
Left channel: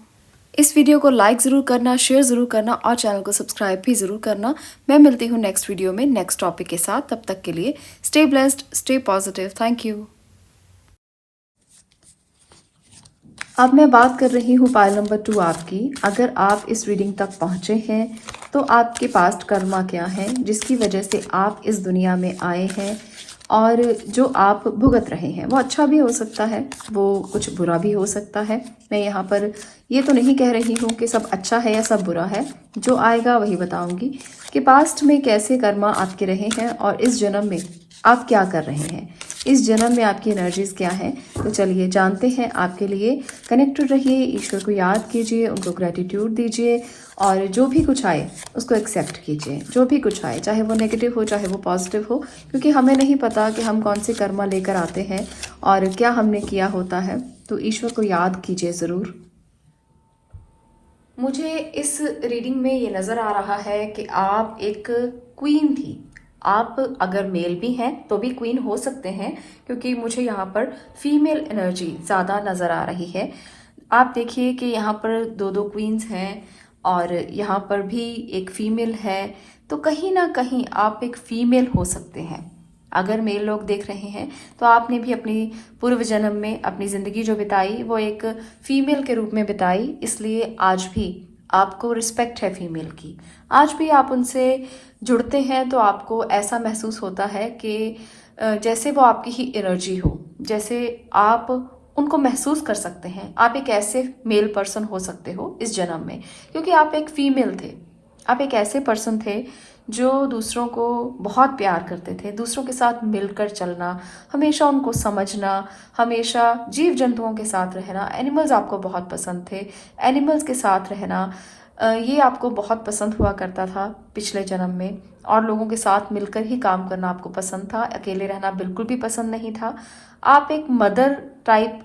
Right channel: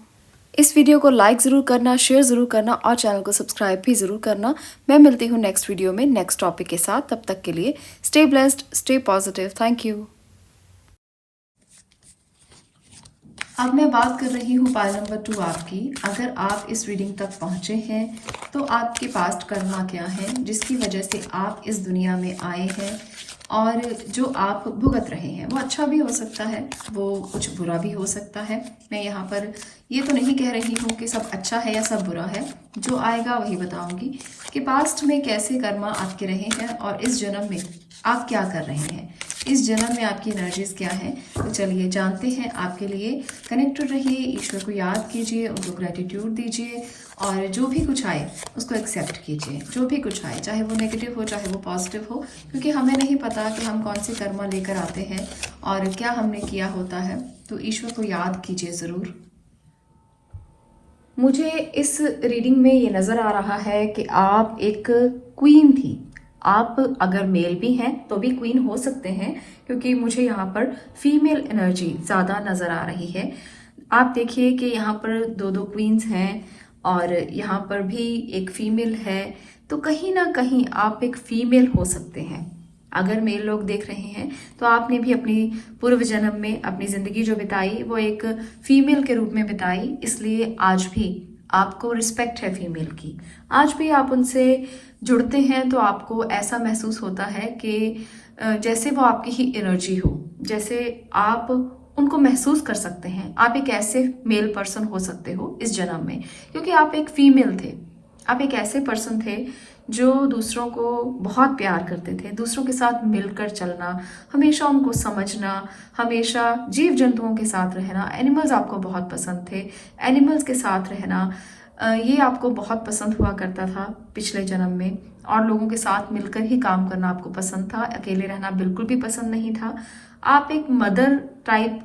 इस वीडियो को लाइक ज़रूर करना, शेयर ज़रूर करना और चैनल को सब्सक्राइब भी ज़रूर करना। मैं मिलती हूँ नेक्स्ट वीडियो में नेक्स्ट टॉपिक के साथ। तब तक के लिए stay blessed, stay positive. Thank you. अब मैं बात कर रही हूँ पाइल नंबर 2 आपकी। अगर आप इस रीडिंग तक पहुँचे हैं तो आपके पास्ट कर्मा क्या है जिसकी वजह से आप इस दुनिया में आए हैं और जो आप भुगत रहे हैं, वो अच्छा भी हो सकता है, वो कुछ बुरा भी हो सकता है। मैं यहाँ पर ये तो नहीं कह रही हूँ कि सब अच्छा है या सब बुरा है, जो आएगा वही बताऊंगी कि पास्ट में कैसे कर्मा आपके रहे हैं और इस जन्म में आप क्या कर रहे हैं, इस जन्म में आपकी एनर्जीज क्या है। तो चलिए जानते हैं आपके लिए। कनेक्टेड रहिए, ईश्वर को याद कीजिए, उनको ग्रेटिट्यूड दीजिए और जो भी कुछ आए उसको एक्सेप्ट कीजिए। जो भी कुछ आए, चाहे वो नेगेटिव हो चाहे वो पॉजिटिव हो, क्योंकि हमें नहीं पता कि हम कौन से कर्मा लेकर आते हैं और क्या हमने किया होता है। तो ईश्वर को याद कीजिए ज़रूर। मुझे इस रीडिंग में ये नज़र आ रहा है कि आप एक क्वीन थी। आप अगर मेल भी हैं तो भी क्वीन हो सकते हैं, क्योंकि मुझे यहाँ पर फीमेल एनर्जी ज़्यादा नज़र आ रही है। आप देखिए कि यहाँ पर दो दो क्वींस हैं और यहाँ पर भी एक फीमेल है, तो कहीं ना कहीं आप एक फीमेल हो सकते हैं। अगर मेल लोग देख रहे हैं तो आपने भी अपनी पूर्व जन्म में अपनी ज़िंदगी जो बिताई वो एक फीमेल के रूप में बिताई, इसलिए आज भी आपको रिस्पेक्ट है फीमेल की। आज भी आप उनसे जुड़ते हैं तो आपको ऐसा महसूस होता है कि जैसे वो आपकी ही एनर्जी हो, जैसे आप उनको महसूस कर सकते हैं। आप एक ऐसे मेल पर्सन हो सकते हो इस जन्म में, क्योंकि आप एक फीमेल थे। आप एक ऐसे पर्सन थे जो दूसरों को बहुत प्यार करते थे, दूसरों के साथ मिलकर चलना, हमेशा उनको समझना, हमेशा जीव जंतुओं के साथ रहना। एनिमल्स आपको बहुत पसंद थे, एनिमल्स के साथ रहना ये आपको बहुत पसंद हुआ करता था पिछले जन्म में। और लोगों के साथ मिलकर ही काम करना आपको पसंद था, अकेले रहना बिल्कुल भी पसंद नहीं था। आप एक मदर टाइप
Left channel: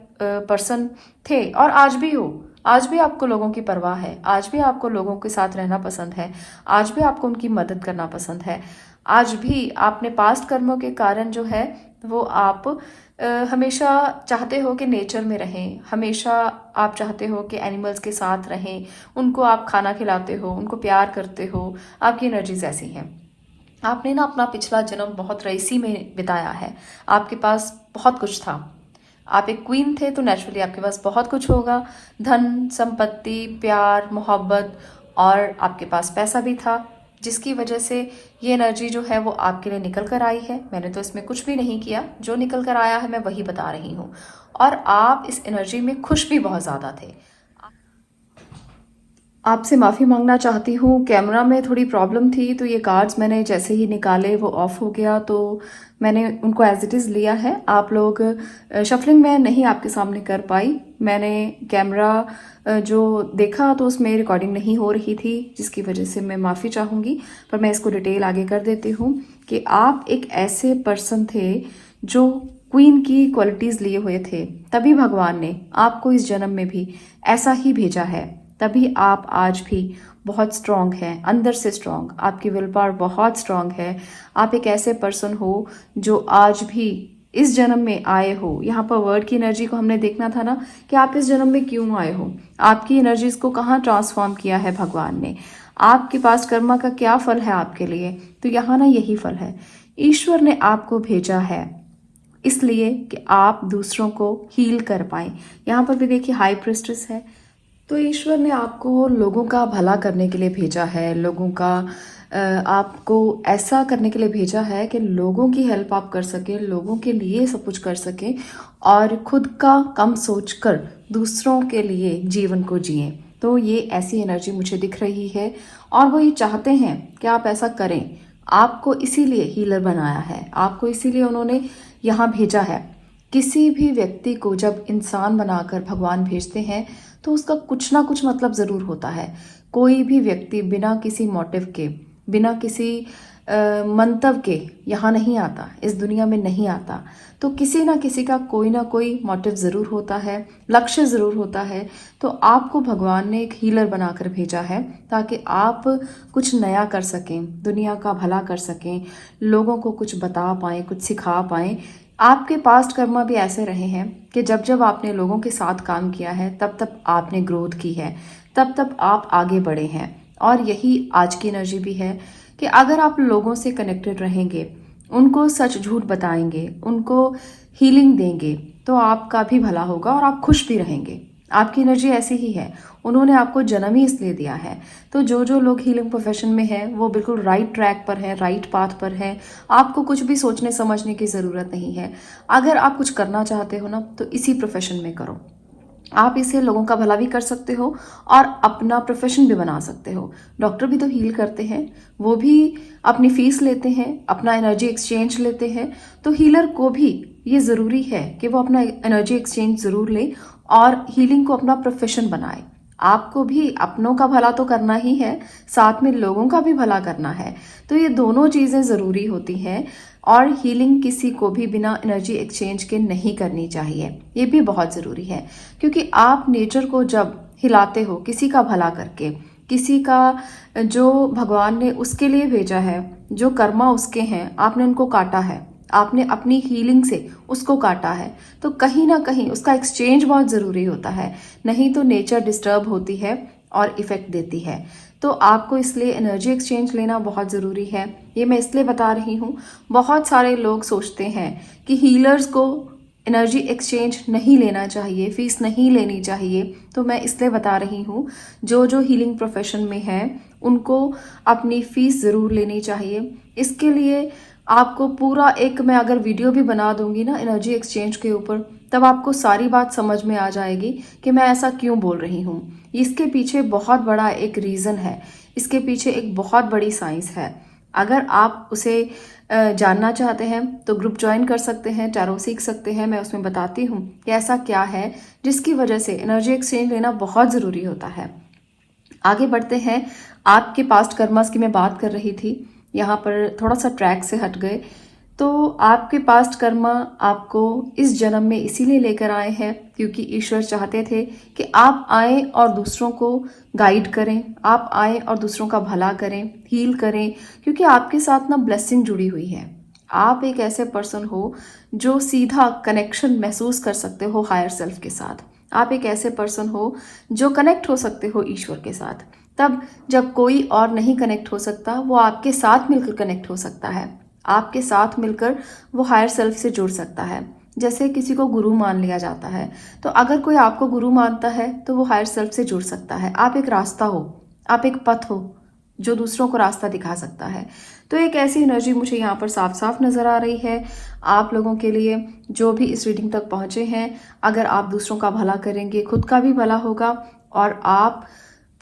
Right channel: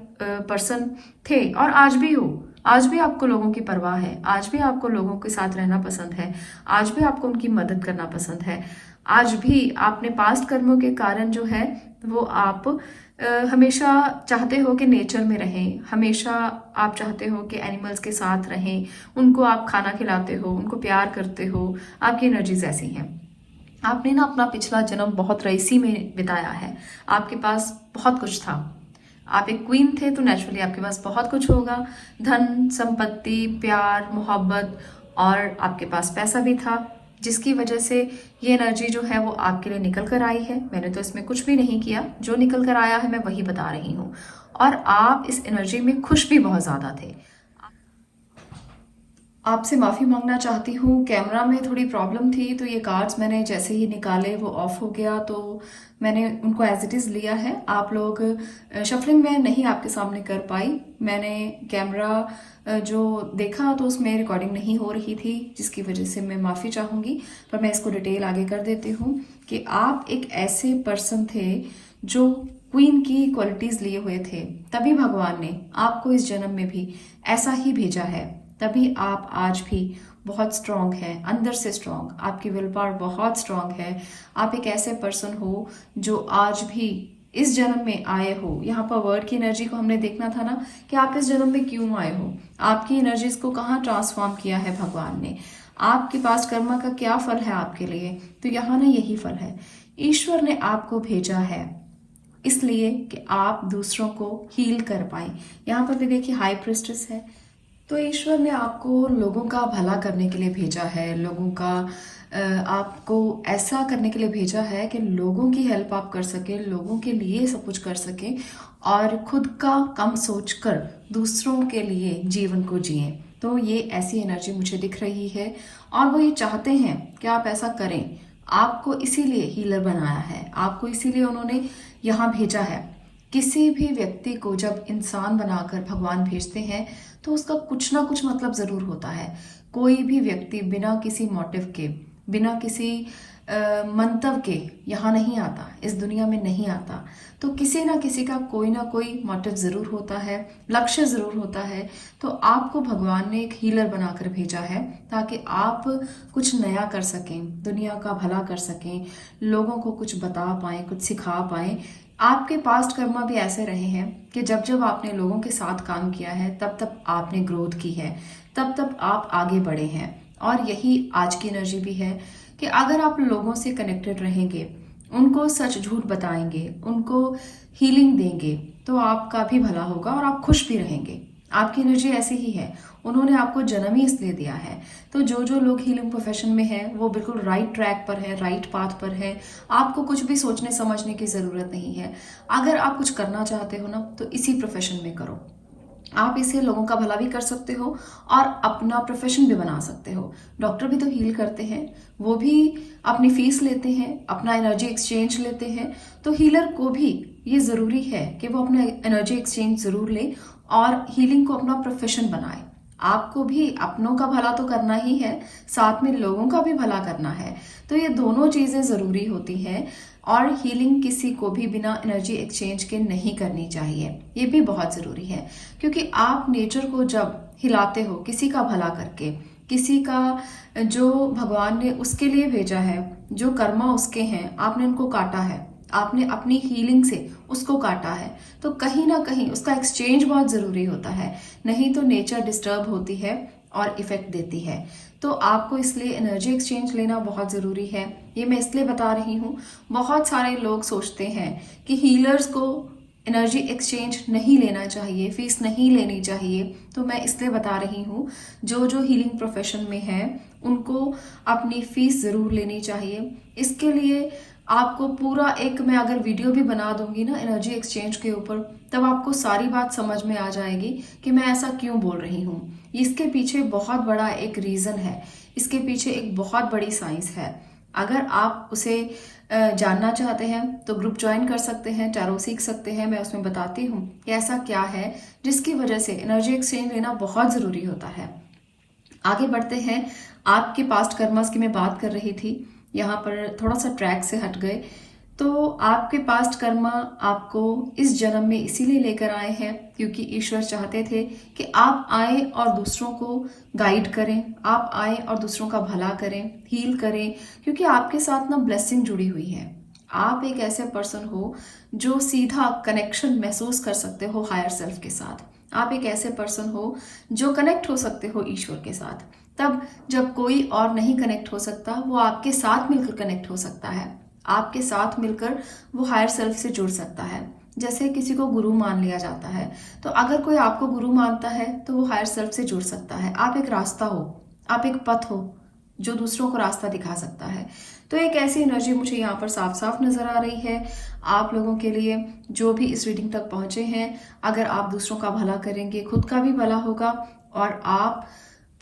पर्सन थे और आज भी हो। आज भी आपको लोगों की परवाह है, आज भी आपको लोगों के साथ रहना पसंद है, आज भी आपको उनकी मदद करना पसंद है। आज भी आपने पास्ट कर्मों के कारण जो है वो आप हमेशा चाहते हो कि नेचर में रहें, हमेशा आप चाहते हो कि एनिमल्स के साथ रहें, उनको आप खाना खिलाते हो, उनको प्यार करते हो। आपकी एनर्जीज ऐसी हैं। आपने ना अपना पिछला जन्म बहुत रईसी में बिताया है, आपके पास बहुत कुछ था। आप एक क्वीन थे तो नेचुरली आपके पास बहुत कुछ होगा, धन संपत्ति, प्यार, मोहब्बत, और आपके पास पैसा भी था, जिसकी वजह से ये एनर्जी जो है वो आपके लिए निकल कर आई है। मैंने तो इसमें कुछ भी नहीं किया, जो निकल कर आया है मैं वही बता रही हूँ। और आप इस एनर्जी में खुश भी बहुत ज़्यादा थे। आपसे माफ़ी मांगना चाहती हूँ, कैमरा में थोड़ी प्रॉब्लम थी तो ये कार्ड्स मैंने जैसे ही निकाले वो ऑफ हो गया, तो मैंने उनको एज इट इज़ लिया है। आप लोग शफलिंग में नहीं आपके सामने कर पाई। मैंने कैमरा जो देखा तो उसमें रिकॉर्डिंग नहीं हो रही थी, जिसकी वजह से मैं माफ़ी चाहूँगी, पर मैं इसको डिटेल आगे कर देती हूँ कि आप एक ऐसे पर्सन थे जो क्वीन की क्वालिटीज़ लिए हुए थे, तभी भगवान ने आपको इस जन्म में भी ऐसा ही भेजा है। तभी आप आज भी बहुत स्ट्रांग हैं, अंदर से स्ट्रांग, आपकी विल पावर बहुत स्ट्रांग है। आप एक ऐसे पर्सन हो जो आज भी इस जन्म में आए हो। यहाँ पर वर्ड की एनर्जी को हमने देखना था ना कि आप इस जन्म में क्यों आए हो, आपकी एनर्जीज को कहाँ ट्रांसफॉर्म किया है भगवान ने, आपके पास कर्मा का क्या फल है आपके लिए। तो यहाँ ना यही फल है, ईश्वर ने आपको भेजा है इसलिए कि आप दूसरों को हील कर पाए। यहाँ पर भी देखिए हाई प्रिस्टेस है, तो ईश्वर ने आपको लोगों का भला करने के लिए भेजा है, लोगों का आपको ऐसा करने के लिए भेजा है कि लोगों की हेल्प आप कर सकें, लोगों के लिए सब कुछ कर सकें और खुद का कम सोचकर दूसरों के लिए जीवन को जिएं। तो ये ऐसी एनर्जी मुझे दिख रही है और वो ये चाहते हैं कि आप ऐसा करें। आपको इसीलिए हीलर बनाया है, आपको इसीलिए उन्होंने यहाँ भेजा है। किसी भी व्यक्ति को जब इंसान बनाकर भगवान भेजते हैं तो उसका कुछ ना कुछ मतलब ज़रूर होता है। कोई भी व्यक्ति बिना किसी मोटिव के, बिना किसी मंतव्य के यहाँ नहीं आता, इस दुनिया में नहीं आता। तो किसी ना किसी का कोई ना कोई मोटिव ज़रूर होता है, लक्ष्य ज़रूर होता है। तो आपको भगवान ने एक हीलर बनाकर भेजा है ताकि आप कुछ नया कर सकें, दुनिया का भला कर सकें, लोगों को कुछ बता पाएँ, कुछ सिखा पाएँ। आपके पास्ट कर्मा भी ऐसे रहे हैं कि जब जब आपने लोगों के साथ काम किया है तब तब आपने ग्रोथ की है, तब तब आप आगे बढ़े हैं। और यही आज की एनर्जी भी है कि अगर आप लोगों से कनेक्टेड रहेंगे, उनको सच झूठ बताएंगे, उनको हीलिंग देंगे, तो आपका भी भला होगा और आप खुश भी रहेंगे। आपकी एनर्जी ऐसी ही है, उन्होंने आपको जन्म ही इसलिए दिया है। तो जो जो लोग हीलिंग प्रोफेशन में हैं वो बिल्कुल राइट ट्रैक पर है, राइट पाथ पर है। आपको कुछ भी सोचने समझने की ज़रूरत नहीं है। अगर आप कुछ करना चाहते हो ना तो इसी प्रोफेशन में करो। आप इससे लोगों का भला भी कर सकते हो और अपना प्रोफेशन भी बना सकते हो। डॉक्टर भी तो हील करते हैं, वो भी अपनी फीस लेते हैं, अपना एनर्जी एक्सचेंज लेते हैं। तो हीलर को भी ये ज़रूरी है कि वो अपना एनर्जी एक्सचेंज ज़रूर ले और हीलिंग को अपना प्रोफेशन बनाए। आपको भी अपनों का भला तो करना ही है, साथ में लोगों का भी भला करना है। तो ये दोनों चीज़ें ज़रूरी होती हैं और हीलिंग किसी को भी बिना एनर्जी एक्सचेंज के नहीं करनी चाहिए, ये भी बहुत ज़रूरी है। क्योंकि आप नेचर को जब हिलाते हो किसी का भला करके, किसी का जो भगवान ने उसके लिए भेजा है, जो कर्मा उसके हैं, आपने उनको काटा है, आपने अपनी हीलिंग से उसको काटा है, तो कहीं ना कहीं उसका एक्सचेंज बहुत जरूरी होता है, नहीं तो नेचर डिस्टर्ब होती है और इफेक्ट देती है। तो आपको इसलिए एनर्जी एक्सचेंज लेना बहुत ज़रूरी है। ये मैं इसलिए बता रही हूँ, बहुत सारे लोग सोचते हैं कि हीलर्स को एनर्जी एक्सचेंज नहीं लेना चाहिए, फीस नहीं लेनी चाहिए। तो मैं इसलिए बता रही हूँ, जो जो हीलिंग प्रोफेशन में है उनको अपनी फीस ज़रूर लेनी चाहिए। इसके लिए आपको पूरा एक, मैं अगर वीडियो भी बना दूंगी ना एनर्जी एक्सचेंज के ऊपर, तब आपको सारी बात समझ में आ जाएगी कि मैं ऐसा क्यों बोल रही हूँ। इसके पीछे बहुत बड़ा एक रीज़न है, इसके पीछे एक बहुत बड़ी साइंस है। अगर आप उसे जानना चाहते हैं तो ग्रुप ज्वाइन कर सकते हैं, टैरो सीख सकते हैं। मैं उसमें बताती हूँ कि ऐसा क्या है जिसकी वजह से एनर्जी एक्सचेंज लेना बहुत ज़रूरी होता है। आगे बढ़ते हैं। आपके पास्ट कर्मास की मैं बात कर रही थी, यहाँ पर थोड़ा सा ट्रैक से हट गए। तो आपके पास्ट कर्मा आपको इस जन्म में इसीलिए लेकर आए हैं क्योंकि ईश्वर चाहते थे कि आप आए और दूसरों को गाइड करें, आप आए और दूसरों का भला करें, हील करें, क्योंकि आपके साथ ना ब्लेसिंग जुड़ी हुई है। आप एक ऐसे पर्सन हो जो सीधा कनेक्शन महसूस कर सकते हो हायर सेल्फ के साथ। आप एक ऐसे पर्सन हो जो कनेक्ट हो सकते हो ईश्वर के साथ। तब जब कोई और नहीं कनेक्ट हो सकता, वो आपके साथ मिलकर कनेक्ट हो सकता है, आपके साथ मिलकर वो हायर सेल्फ से जुड़ सकता है। जैसे किसी को गुरु मान लिया जाता है, तो अगर कोई आपको गुरु मानता है तो वो हायर सेल्फ से जुड़ सकता है। आप एक रास्ता हो, आप एक पथ हो जो दूसरों को रास्ता दिखा सकता है। तो एक ऐसी एनर्जी मुझे यहाँ पर साफ साफ नजर आ रही है आप लोगों के लिए जो भी इस रीडिंग तक पहुंचे हैं। अगर आप दूसरों का भला करेंगे, खुद का भी भला होगा और आप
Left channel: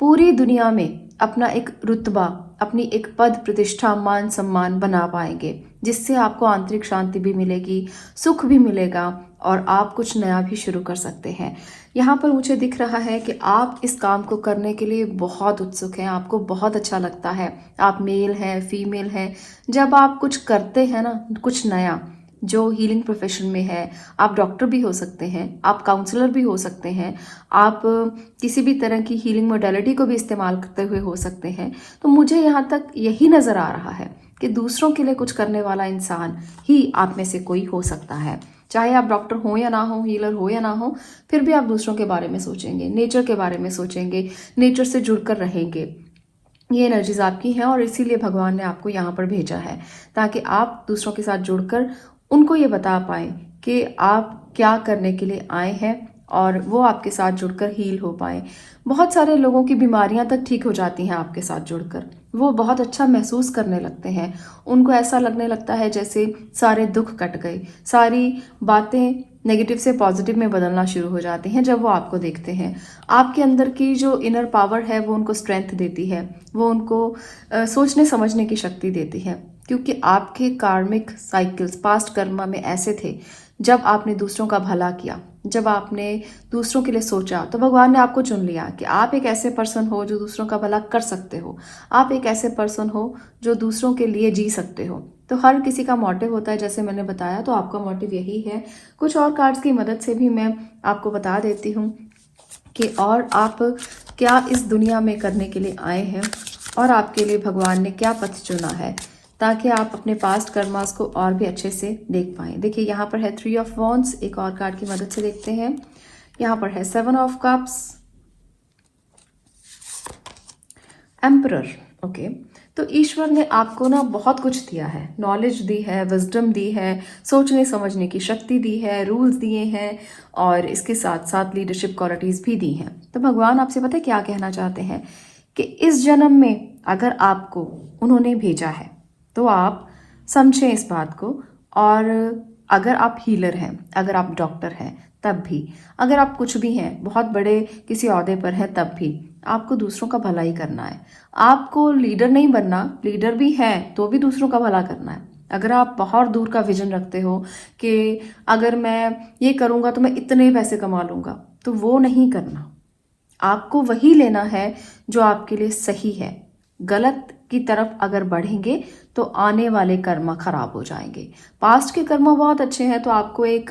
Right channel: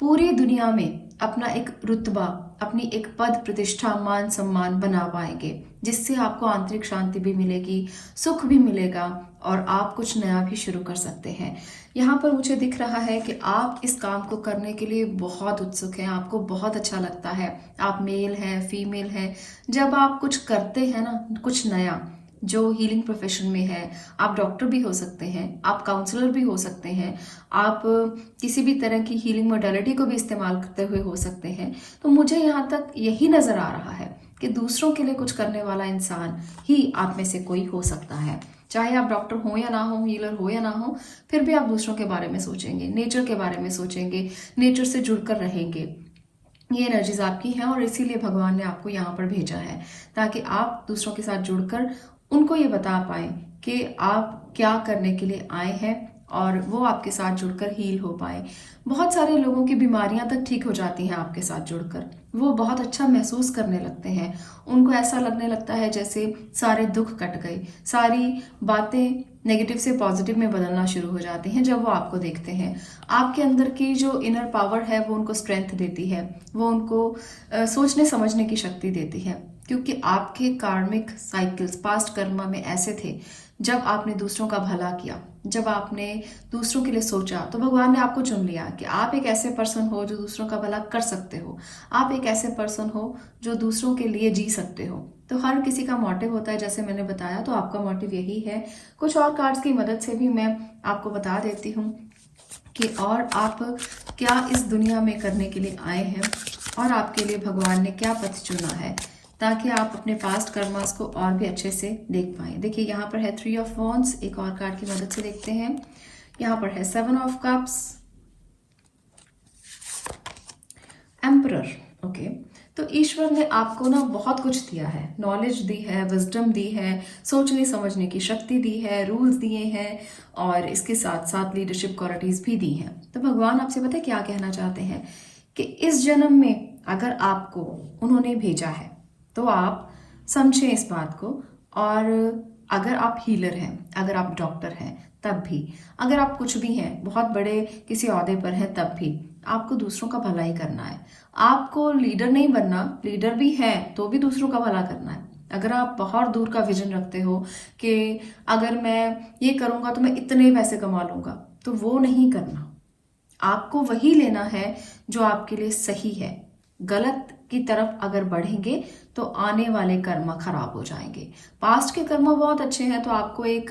पूरी दुनिया में अपना एक रुतबा, अपनी एक पद प्रतिष्ठा, मान सम्मान बना पाएंगे, जिससे आपको आंतरिक शांति भी मिलेगी, सुख भी मिलेगा और आप कुछ नया भी शुरू कर सकते हैं। यहाँ पर मुझे दिख रहा है कि आप इस काम को करने के लिए बहुत उत्सुक हैं, आपको बहुत अच्छा लगता है। आप मेल हैं, फीमेल हैं, जब आप कुछ करते हैं ना, कुछ नया जो हीलिंग प्रोफेशन में है, आप डॉक्टर भी हो सकते हैं, आप काउंसलर भी हो सकते हैं, आप किसी भी तरह की हीलिंग मोडेलिटी को भी इस्तेमाल करते हुए हो सकते हैं। तो मुझे यहाँ तक यही नजर आ रहा है कि दूसरों के लिए कुछ करने वाला इंसान ही आप में से कोई हो सकता है। चाहे आप डॉक्टर हो या ना हो, हीलर हो या ना हो, फिर भी आप दूसरों के बारे में सोचेंगे, नेचर के बारे में सोचेंगे, नेचर से जुड़कर रहेंगे। ये एनर्जीज आपकी हैं और इसीलिए भगवान ने आपको यहाँ पर भेजा है, ताकि आप दूसरों के साथ जुड़कर उनको ये बता पाए कि आप क्या करने के लिए आए हैं और वो आपके साथ जुड़कर हील हो पाए। बहुत सारे लोगों की बीमारियां तक ठीक हो जाती हैं आपके साथ जुड़कर, वो बहुत अच्छा महसूस करने लगते हैं। उनको ऐसा लगने लगता है जैसे सारे दुख कट गए, सारी बातें नेगेटिव से पॉजिटिव में बदलना शुरू हो जाती हैं जब वो आपको देखते हैं। आपके अंदर की जो इनर पावर है वो उनको स्ट्रेंथ देती है, वो उनको सोचने समझने की शक्ति देती है, क्योंकि आपके कार्मिक साइकिल्स पास्ट कर्मा में ऐसे थे। जब आपने दूसरों का भला किया, जब आपने दूसरों के लिए सोचा, तो भगवान ने आपको चुन लिया कि आप एक ऐसे पर्सन हो जो दूसरों का भला कर सकते हो, आप एक ऐसे पर्सन हो जो दूसरों के लिए जी सकते हो। तो हर किसी का मोटिव होता है, जैसे मैंने बताया, तो आपका मोटिव यही है। कुछ और कार्ड्स की मदद से भी मैं आपको बता देती हूँ कि और आप क्या इस दुनिया में करने के लिए आए हैं और आपके लिए भगवान ने क्या पथ चुना है, ताकि आप अपने पास्ट कर्मास को और भी अच्छे से देख पाएं। देखिए यहाँ पर है 3 ऑफ वॉन्ड्स, एक और कार्ड की मदद से देखते हैं। यहाँ पर है 7 ऑफ कप्स, एम्परर। ओके, तो ईश्वर ने आपको ना बहुत कुछ दिया है, नॉलेज दी है, विजडम दी है, सोचने समझने की शक्ति दी है, रूल्स दिए हैं और इसके साथ साथ लीडरशिप क्वालिटीज भी दी हैं। तो भगवान आपसे पता है क्या कहना चाहते हैं कि इस जन्म में अगर आपको उन्होंने भेजा है तो आप समझें इस बात को। और अगर आप हीलर हैं, अगर आप डॉक्टर हैं, तब भी, अगर आप कुछ भी हैं, बहुत बड़े किसी ओहदे पर हैं, तब भी आपको दूसरों का भला ही करना है। आपको लीडर नहीं बनना, लीडर भी है तो भी दूसरों का भला करना है। अगर आप बहुत दूर का विजन रखते हो कि अगर मैं ये करूंगा तो मैं इतने पैसे कमा लूंगा, तो वो नहीं करना। आपको वही लेना है जो आपके लिए सही है। गलत की तरफ अगर बढ़ेंगे तो आने वाले कर्म खराब हो जाएंगे। पास्ट के कर्म बहुत अच्छे हैं, तो आपको एक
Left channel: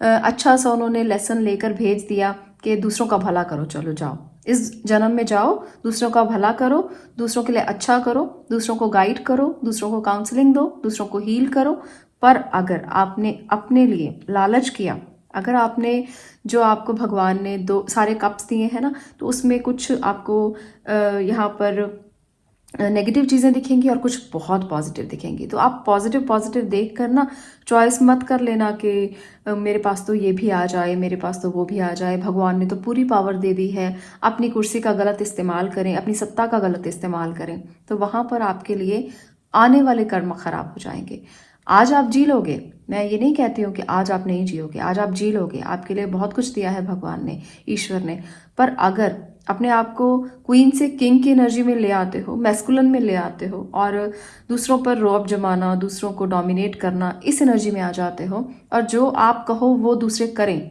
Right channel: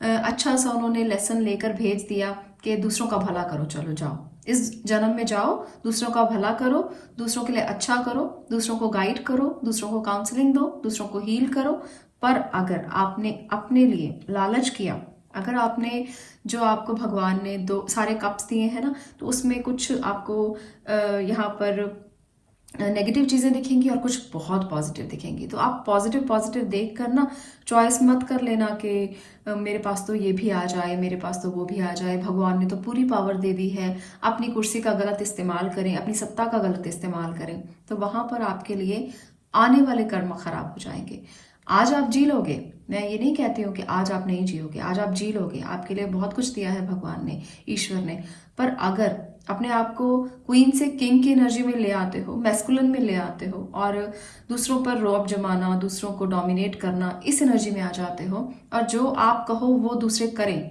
अच्छा सा उन्होंने लेसन लेकर भेज दिया कि दूसरों का भला करो, चलो जाओ, इस जन्म में जाओ, दूसरों का भला करो, दूसरों के लिए अच्छा करो, दूसरों को गाइड करो, दूसरों को काउंसलिंग दो, दूसरों को हील करो। पर अगर आपने अपने लिए लालच किया, अगर आपने जो आपको भगवान ने दो सारे कप्स दिए हैं ना, तो उसमें कुछ आपको यहाँ पर नेगेटिव चीज़ें दिखेंगी और कुछ बहुत पॉजिटिव दिखेंगी। तो आप पॉजिटिव पॉजिटिव देख कर ना चॉइस मत कर लेना कि मेरे पास तो ये भी आ जाए, मेरे पास तो वो भी आ जाए, भगवान ने तो पूरी पावर दे दी है, अपनी कुर्सी का गलत इस्तेमाल करें, अपनी सत्ता का गलत इस्तेमाल करें, तो वहाँ पर आपके लिए आने वाले कर्म खराब हो जाएंगे। आज आप जी लोगे, मैं ये नहीं कहती हूँ कि आज आप नहीं जियोगे, आज आप जी लोगे, आपके लिए बहुत कुछ दिया है भगवान ने, ईश्वर ने। पर अगर अपने आप को क्वीन से किंग की एनर्जी में ले आते हो, मैस्कुलिन में ले आते हो और दूसरों पर रौब जमाना, दूसरों को डोमिनेट करना, इस एनर्जी में आ जाते हो और जो आप कहो वो दूसरे करें,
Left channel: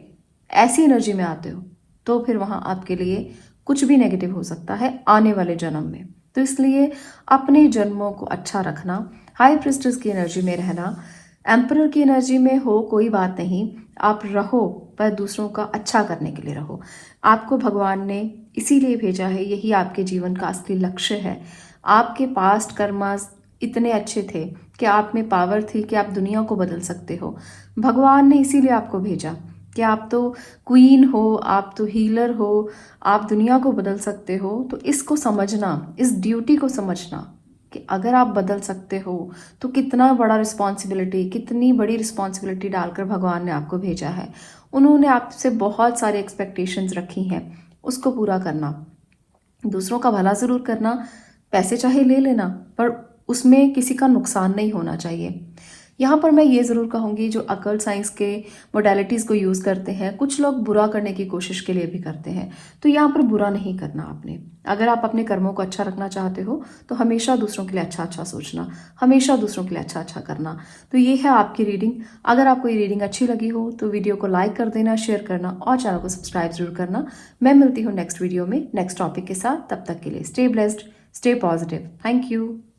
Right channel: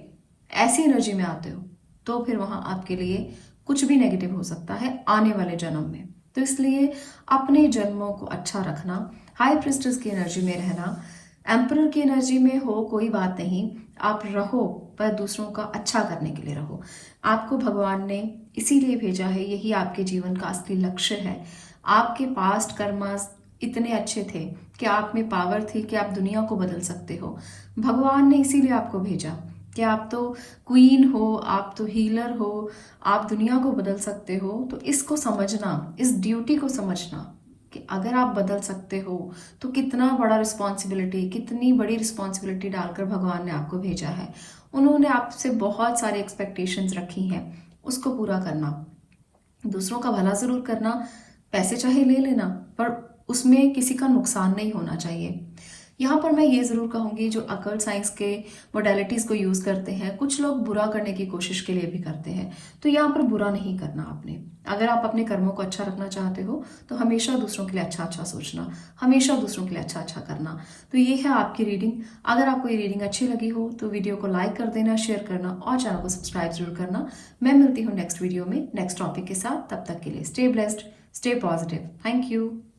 ऐसी एनर्जी में आते हो, तो फिर वहां आपके लिए कुछ भी नेगेटिव हो सकता है आने वाले जन्म में। तो इसलिए अपने जन्मों को अच्छा रखना, हाई प्रिस्टेस की एनर्जी में रहना, एम्परर की एनर्जी में हो कोई बात नहीं, आप रहो पर दूसरों का अच्छा करने के लिए रहो। आपको भगवान ने इसीलिए भेजा है, यही आपके जीवन का असली लक्ष्य है। आपके पास्ट कर्मास इतने अच्छे थे कि आप में पावर थी कि आप दुनिया को बदल सकते हो। भगवान ने इसीलिए आपको भेजा कि आप तो क्वीन हो, आप तो हीलर हो, आप दुनिया को बदल सकते हो। तो इसको समझना, इस ड्यूटी को समझना कि अगर आप बदल सकते हो तो कितना बड़ा रिस्पॉन्सिबिलिटी, कितनी बड़ी रिस्पॉन्सिबिलिटी डालकर भगवान ने आपको भेजा है। उन्होंने आपसे बहुत सारे एक्सपेक्टेशंस रखी हैं, उसको पूरा करना, दूसरों का भला जरूर करना, पैसे चाहे ले लेना, पर उसमें किसी का नुकसान नहीं होना चाहिए। यहाँ पर मैं ये ज़रूर कहूँगी, जो अकल साइंस के मोडालिटीज़ को यूज़ करते हैं, कुछ लोग बुरा करने की कोशिश के लिए भी करते हैं, तो यहाँ पर बुरा नहीं करना आपने। अगर आप अपने कर्मों को अच्छा रखना चाहते हो तो हमेशा दूसरों के लिए अच्छा अच्छा सोचना, हमेशा दूसरों के लिए अच्छा अच्छा करना। तो ये है आपकी रीडिंग। अगर आपको ये रीडिंग अच्छी लगी हो तो वीडियो को लाइक कर देना, शेयर करना और चैनल को सब्सक्राइब जरूर करना। मैं मिलती हूँ नेक्स्ट वीडियो में नेक्स्ट टॉपिक के साथ। तब तक के लिए stay blessed, stay positive. Thank you.